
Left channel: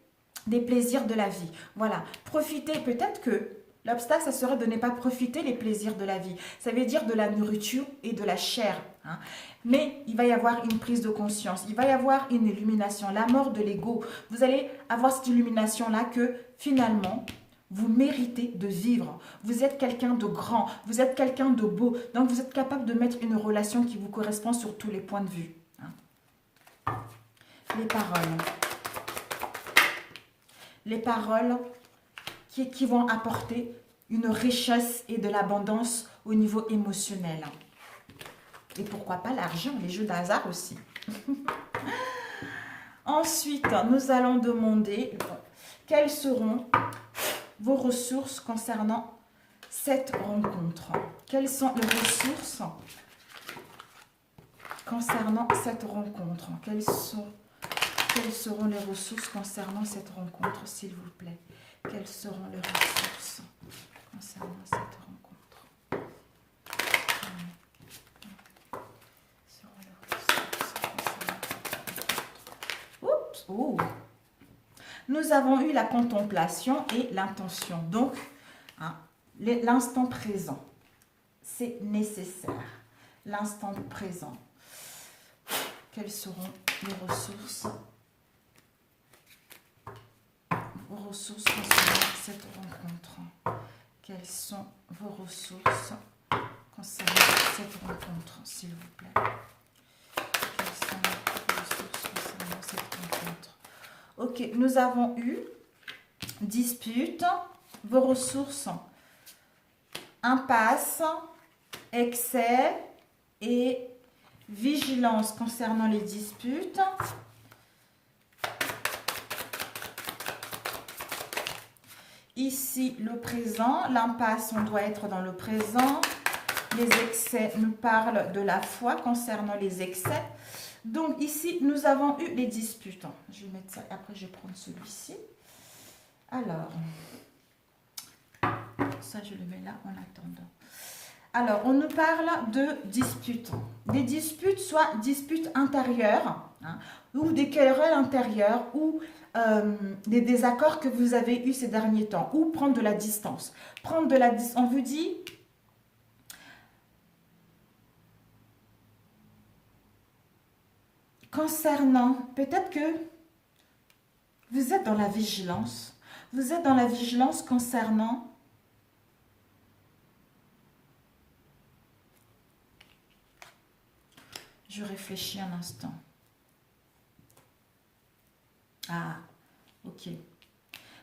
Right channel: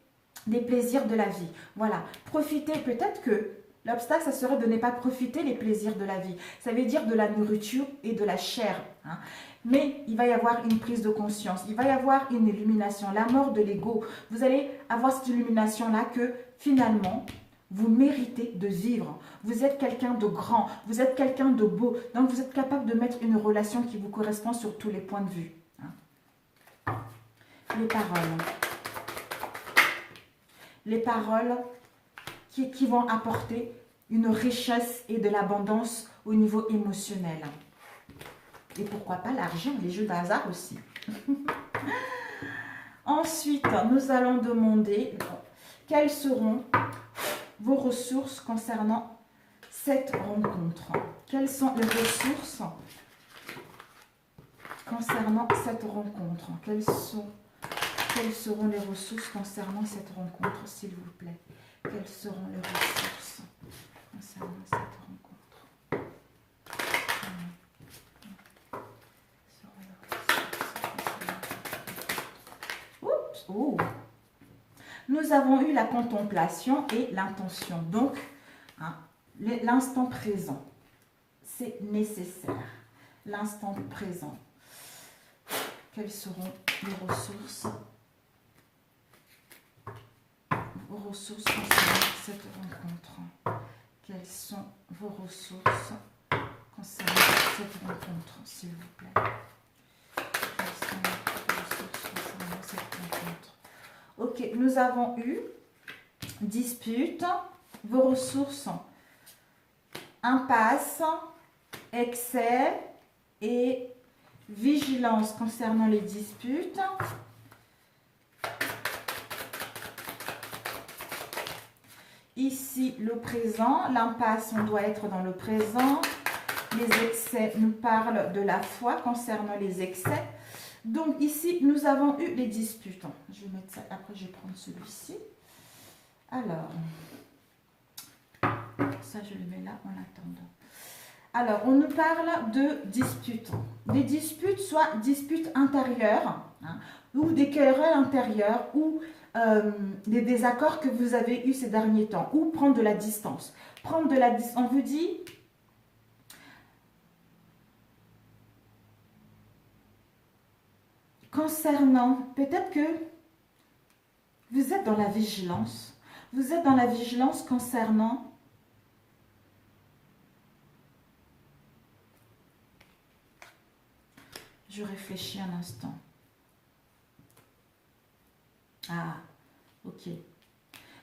des plaisirs de la vie. Voilà, profiter, peut-être que l'obstacle, ça serait de ne pas profiter les plaisirs de la vie. Ça veut dire de la nourriture et de la chair. Hein. Mais il va y avoir une prise de conscience, il va y avoir une illumination, la mort de l'ego. Vous allez avoir cette illumination-là que finalement, vous méritez de vivre. Vous êtes quelqu'un de grand, vous êtes quelqu'un de beau. Donc, vous êtes capable de mettre une relation qui vous correspond sur tous les points de vue. Hein. Les paroles qui vont apporter une richesse et de l'abondance au niveau émotionnel. Et pourquoi pas l'argent, les jeux d'hasard aussi. Ensuite, nous allons demander quelles seront vos ressources concernant cette rencontre. Quelles sont les ressources concernant cette rencontre? Quelles seront les ressources concernant cette rencontre, s'il vous plaît? Quelles seront les ressources concernant cette rencontre? Oups, oh. Nous avons eu la contemplation et l'intention. Donc, hein, l'instant présent, c'est nécessaire. L'instant présent. Quelles seront les ressources? Vos ressources concernant cette rencontre. Quelles sont vos ressources concernant cette rencontre, s'il vous plaît? Quelles sont vos ressources concernant cette rencontre? Ok, nous avons eu dispute, vos ressources, impasse, excès et vigilance concernant les disputes. Ici, le présent, l'impasse, on doit être dans le présent. Les excès nous parlent de la foi concernant les excès. Donc ici, nous avons eu les disputes. Je vais mettre ça, après je vais prendre celui-ci. Alors, ça je le mets là en attendant. Alors, on nous parle de disputes. Des disputes, soit disputes intérieures, hein, ou des querelles intérieures, ou des désaccords que vous avez eus ces derniers temps, ou prendre de la distance. Prendre de la distance, on vous dit... Concernant, peut-être que vous êtes dans la vigilance. Vous êtes dans la vigilance concernant je réfléchis un instant. Ah, ok.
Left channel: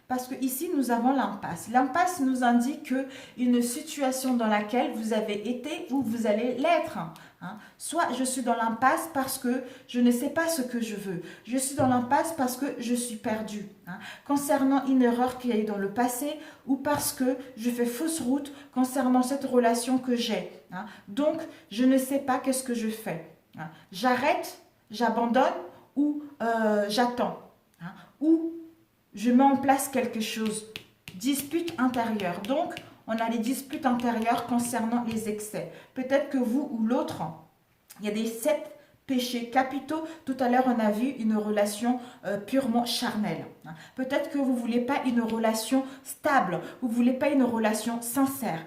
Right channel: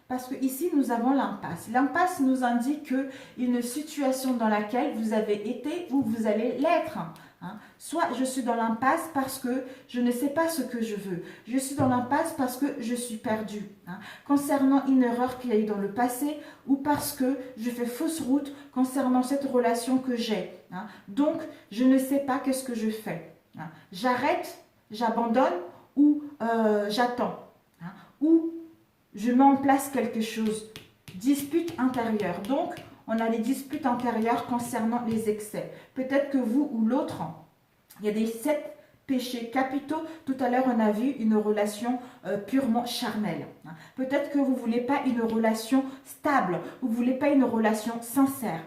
Parce que ici, nous avons l'impasse. L'impasse nous indique une situation dans laquelle vous avez été ou vous allez l'être. Hein. Soit je suis dans l'impasse parce que je ne sais pas ce que je veux. Je suis dans l'impasse parce que je suis perdue. Hein. Concernant une erreur qu'il y a eu dans le passé ou parce que je fais fausse route concernant cette relation que j'ai. Hein. Donc, je ne sais pas qu'est-ce que je fais. Hein. J'arrête, j'abandonne ou j'attends. Hein. Ou je mets en place quelque chose. Dispute intérieure. Donc, on a les disputes intérieures concernant les excès. Peut-être que vous ou l'autre, il y a des 7 péchés capitaux. Tout à l'heure, on a vu une relation purement charnelle. Peut-être que vous ne voulez pas une relation stable, vous ne voulez pas une relation sincère.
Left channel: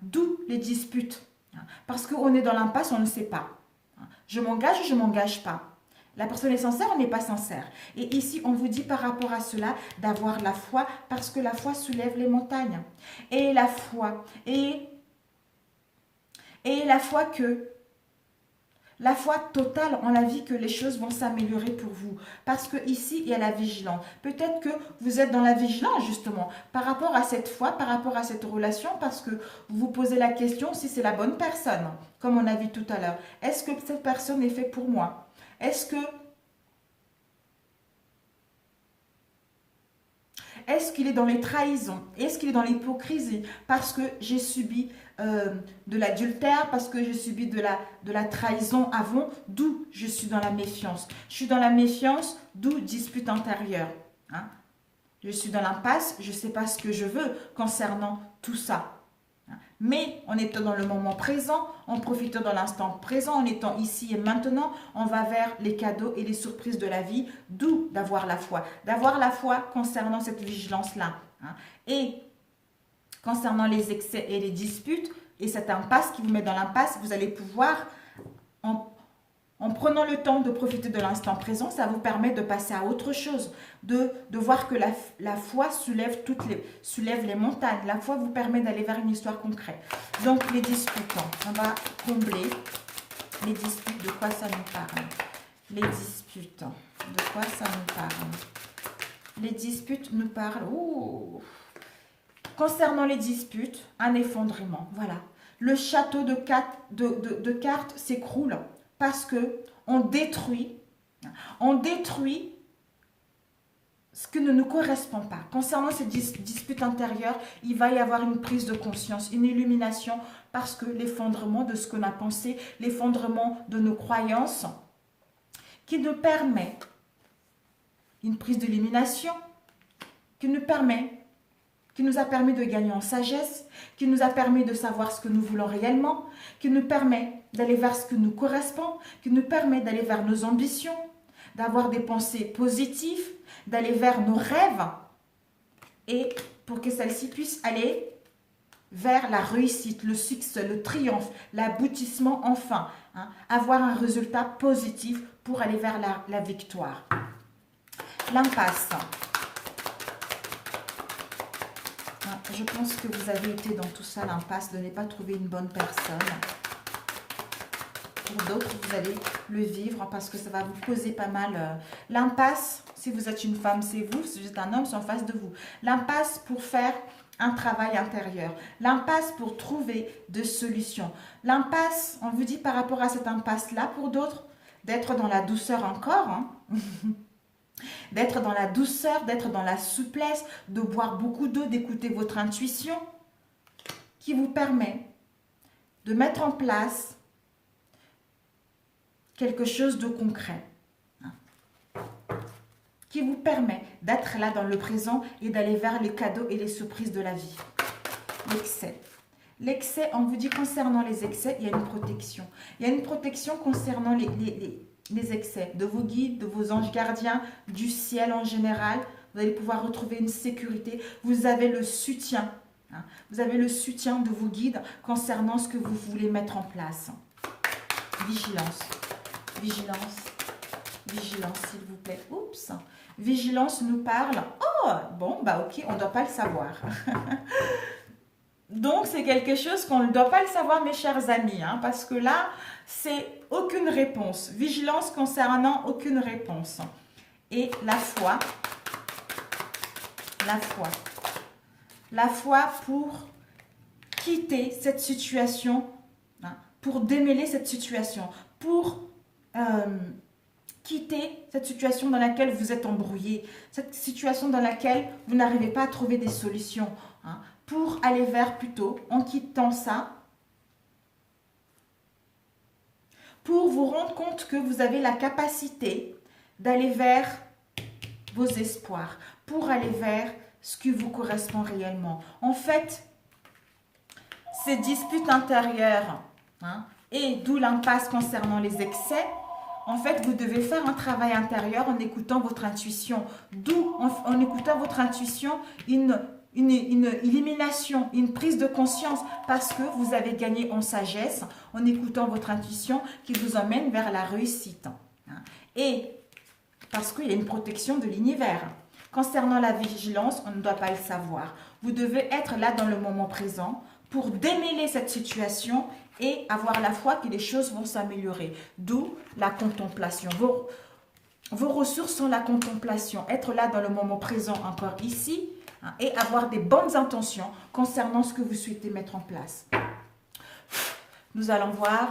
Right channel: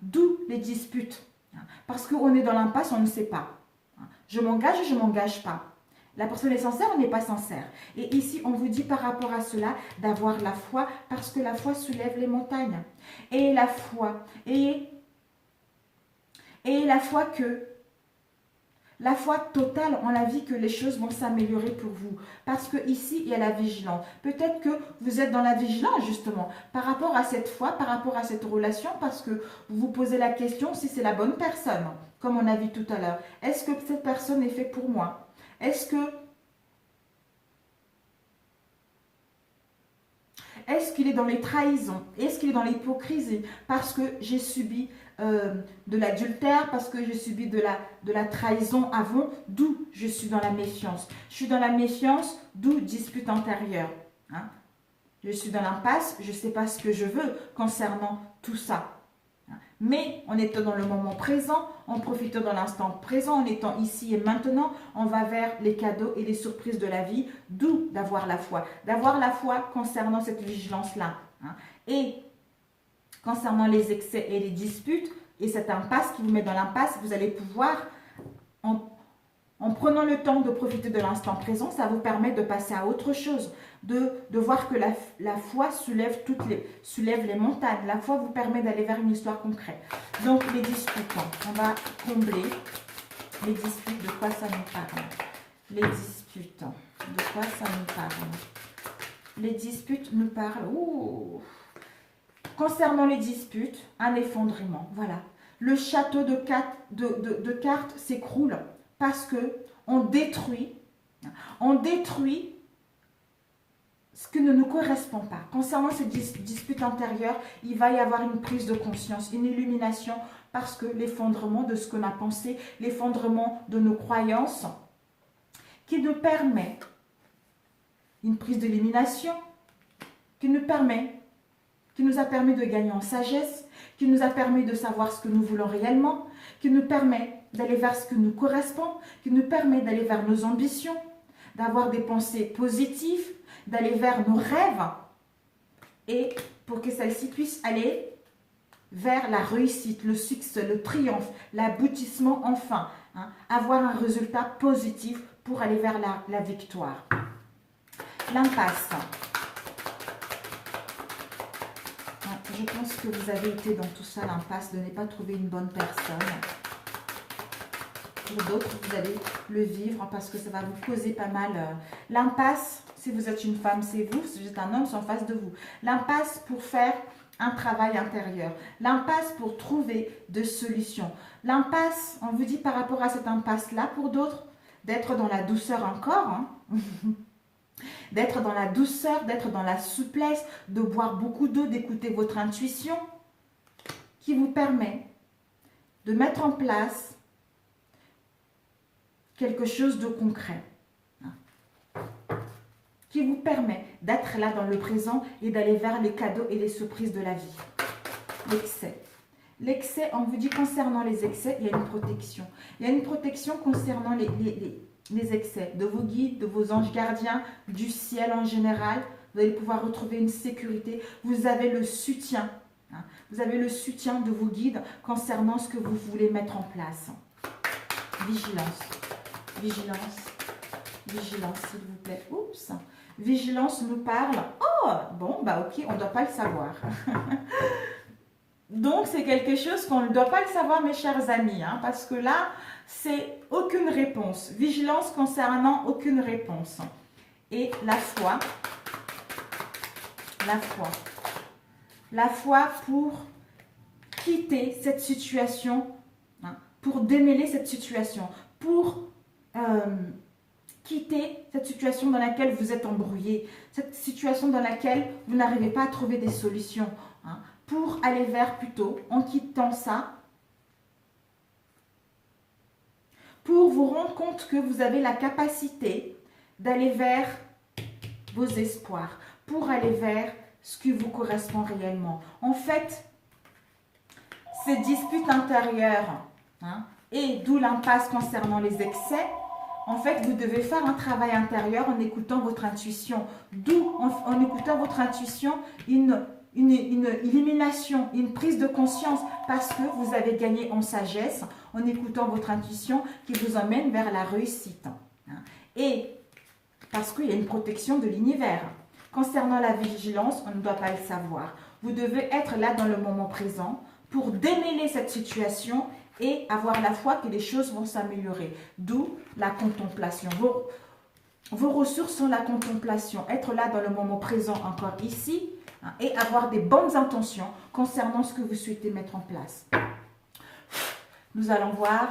D'où les disputes. Parce qu'on est dans l'impasse, on ne sait pas. Je m'engage ou je ne m'engage pas. La personne est sincère, on n'est pas sincère. Et ici, on vous dit par rapport à cela d'avoir la foi, parce que la foi soulève les montagnes. Et la foi, et la foi que... La foi totale en la vie que les choses vont s'améliorer pour vous. Parce que ici, il y a la vigilance. Peut-être que vous êtes dans la vigilance, justement, par rapport à cette foi, par rapport à cette relation, parce que vous vous posez la question si c'est la bonne personne, comme on a vu tout à l'heure. Est-ce que cette personne est faite pour moi? Est-ce qu'il est dans les trahisons? Est-ce qu'il est dans l'hypocrisie? Parce que j'ai subi de l'adultère, parce que j'ai subi de la trahison avant, d'où je suis dans la méfiance. Je suis dans la méfiance, d'où dispute intérieure. Je suis dans l'impasse, je ne sais pas ce que je veux concernant tout ça. Mais en étant dans le moment présent, en profitant de l'instant présent, en étant ici et maintenant, on va vers les cadeaux et les surprises de la vie, d'où d'avoir la foi. D'avoir la foi concernant cette vigilance-là. Et concernant les excès et les disputes, et cette impasse qui vous met dans l'impasse, vous allez pouvoir, en prenant le temps de profiter de l'instant présent, ça vous permet de passer à autre chose, de voir que la foi soulève les montagnes. La foi vous permet d'aller vers une histoire concrète. Donc les disputes, on va combler les disputes, de quoi ça nous parle. Les disputes, de quoi ça nous parle. Les disputes nous parlent, concernant les disputes, un effondrement, voilà. Le château de cartes s'écroule parce que on détruit ce qui ne nous correspond pas. Concernant ces disputes intérieures, il va y avoir une prise de conscience, une illumination, parce que l'effondrement de ce qu'on a pensé, l'effondrement de nos croyances, qui nous permet une prise d'illumination, qui nous a permis de gagner en sagesse, qui nous a permis de savoir ce que nous voulons réellement, qui nous permet d'aller vers ce qui nous correspond, qui nous permet d'aller vers nos ambitions, d'avoir des pensées positives, d'aller vers nos rêves, et pour que celles-ci puissent aller vers la réussite, le succès, le triomphe, l'aboutissement enfin, avoir un résultat positif pour aller vers la victoire. L'impasse. Je pense que vous avez été dans tout ça, l'impasse, de ne pas trouver une bonne personne. Pour d'autres, vous allez le vivre parce que ça va vous causer pas mal. L'impasse, si vous êtes une femme, c'est vous. Si vous êtes un homme, c'est en face de vous. L'impasse pour faire un travail intérieur. L'impasse pour trouver des solutions. L'impasse, on vous dit par rapport à cette impasse-là, pour d'autres, d'être dans la douceur encore. D'être dans la douceur, d'être dans la souplesse, de boire beaucoup d'eau, d'écouter votre intuition, qui vous permet de mettre en place quelque chose de concret, qui vous permet d'être là dans le présent et d'aller vers les cadeaux et les surprises de la vie. L'excès. L'excès, on vous dit concernant les excès, il y a une protection. Il y a une protection concernant les excès de vos guides, de vos anges gardiens, du ciel en général. Vous allez pouvoir retrouver une sécurité. Vous avez le soutien. Vous avez le soutien de vos guides concernant ce que vous voulez mettre en place. Vigilance. Vigilance. Vigilance, s'il vous plaît. Oups. Vigilance nous parle. Oh, bon, bah ok, on ne doit pas le savoir. Donc, c'est quelque chose qu'on ne doit pas le savoir, mes chers amis, parce que là, c'est aucune réponse. Vigilance concernant aucune réponse. Et la foi. La foi. La foi pour quitter cette situation, pour démêler cette situation, pour quitter cette situation dans laquelle vous êtes embrouillé, cette situation dans laquelle vous n'arrivez pas à trouver des solutions, pour aller vers plutôt, en quittant ça, pour vous rendre compte que vous avez la capacité d'aller vers vos espoirs, pour aller vers ce qui vous correspond réellement. En fait, ces disputes intérieures, hein, et d'où l'impasse concernant les excès, en fait, vous devez faire un travail intérieur en écoutant votre intuition. D'où, en écoutant votre intuition, une élimination, une prise de conscience, parce que vous avez gagné en sagesse en écoutant votre intuition qui vous emmène vers la réussite. Et parce qu'il y a une protection de l'univers. Concernant la vigilance, on ne doit pas le savoir. Vous devez être là dans le moment présent pour démêler cette situation et avoir la foi que les choses vont s'améliorer. D'où la contemplation. Vos ressources sont la contemplation. Être là dans le moment présent, encore ici, hein, et avoir des bonnes intentions concernant ce que vous souhaitez mettre en place. Nous allons voir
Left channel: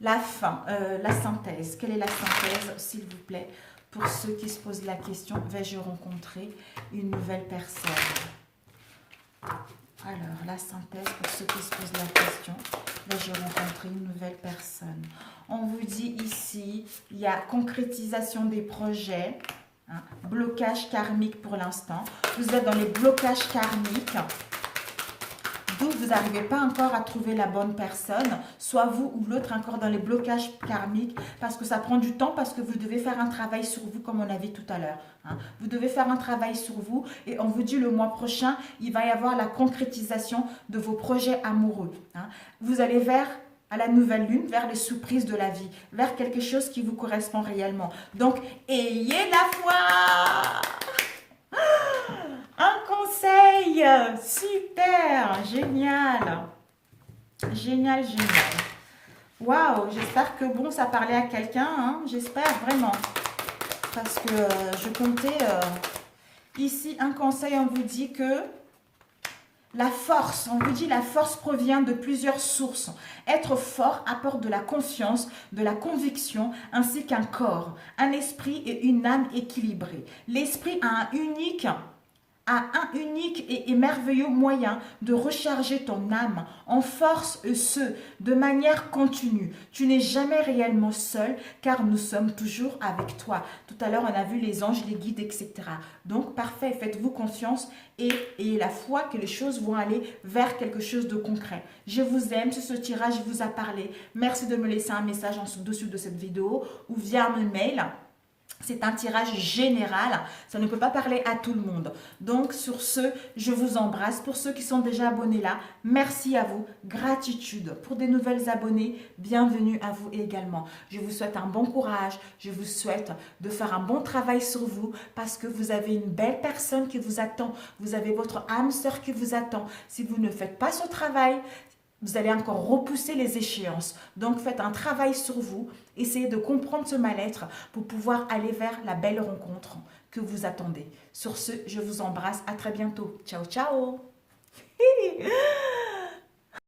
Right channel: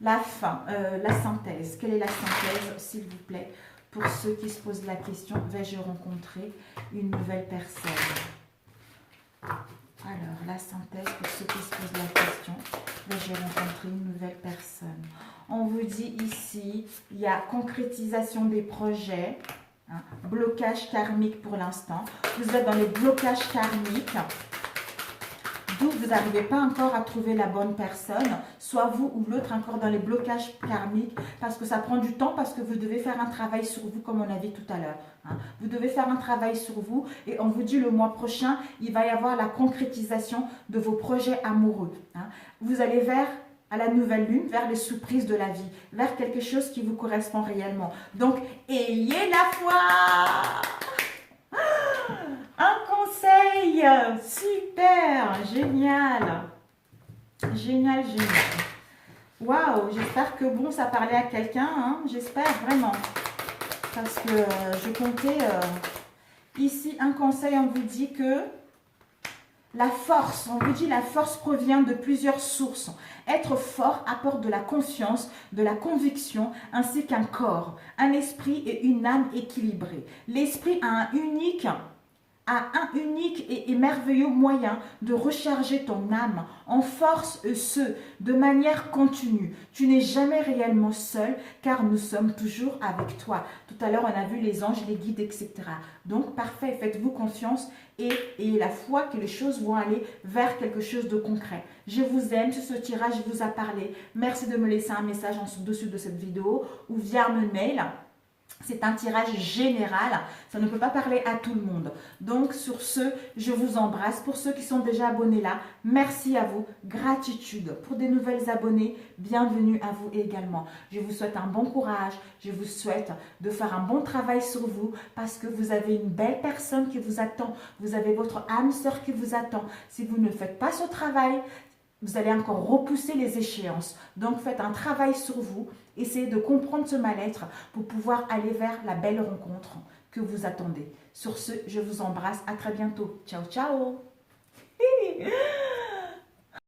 la fin, la synthèse. Quelle est la synthèse, s'il vous plaît, pour ceux qui se posent la question, vais-je rencontrer une nouvelle personne? Alors, la synthèse pour ceux qui se posent la question, vais-je rencontrer une nouvelle personne? On vous dit ici, il y a concrétisation des projets, hein, blocage karmique pour l'instant. Vous êtes dans les blocages karmiques. D'où vous n'arrivez pas encore à trouver la bonne personne, soit vous ou l'autre encore dans les blocages karmiques, parce que ça prend du temps, parce que vous devez faire un travail sur vous, comme on a vu tout à l'heure. Hein. Vous devez faire un travail sur vous, et on vous dit le mois prochain, il va y avoir la concrétisation de vos projets amoureux. Hein. Vous allez vers à la nouvelle lune, vers les surprises de la vie, vers quelque chose qui vous correspond réellement. Donc, ayez la foi! Un conseil, super, génial, génial, génial. Waouh, j'espère que bon, ça parlait à quelqu'un, hein, j'espère vraiment. Parce que je comptais, ici, un conseil, on vous dit que la force, on vous dit la force provient de plusieurs sources. Être fort apporte de la confiance, de la conviction, ainsi qu'un corps, un esprit et une âme équilibrés. L'esprit a un unique et merveilleux moyen de recharger ton âme en force et ce, de manière continue. Tu n'es jamais réellement seul car nous sommes toujours avec toi. Tout à l'heure, on a vu les anges, les guides, etc. Donc, parfait, faites-vous confiance et la foi que les choses vont aller vers quelque chose de concret. Je vous aime, ce tirage vous a parlé. Merci de me laisser un message en dessous de cette vidéo ou via mon mail. C'est un tirage général, ça ne peut pas parler à tout le monde. Donc sur ce, je vous embrasse. Pour ceux qui sont déjà abonnés là, merci à vous, gratitude. Pour des nouvelles abonnés, bienvenue à vous également. Je vous souhaite un bon courage, je vous souhaite de faire un bon travail sur vous parce que vous avez une belle personne qui vous attend. Vous avez votre âme sœur qui vous attend. Si vous ne faites pas ce travail, vous allez encore repousser les échéances. Donc, faites un travail sur vous. Essayez de comprendre ce mal-être pour pouvoir aller vers la belle rencontre que vous attendez. Sur ce, je vous embrasse. À très bientôt. Ciao, ciao.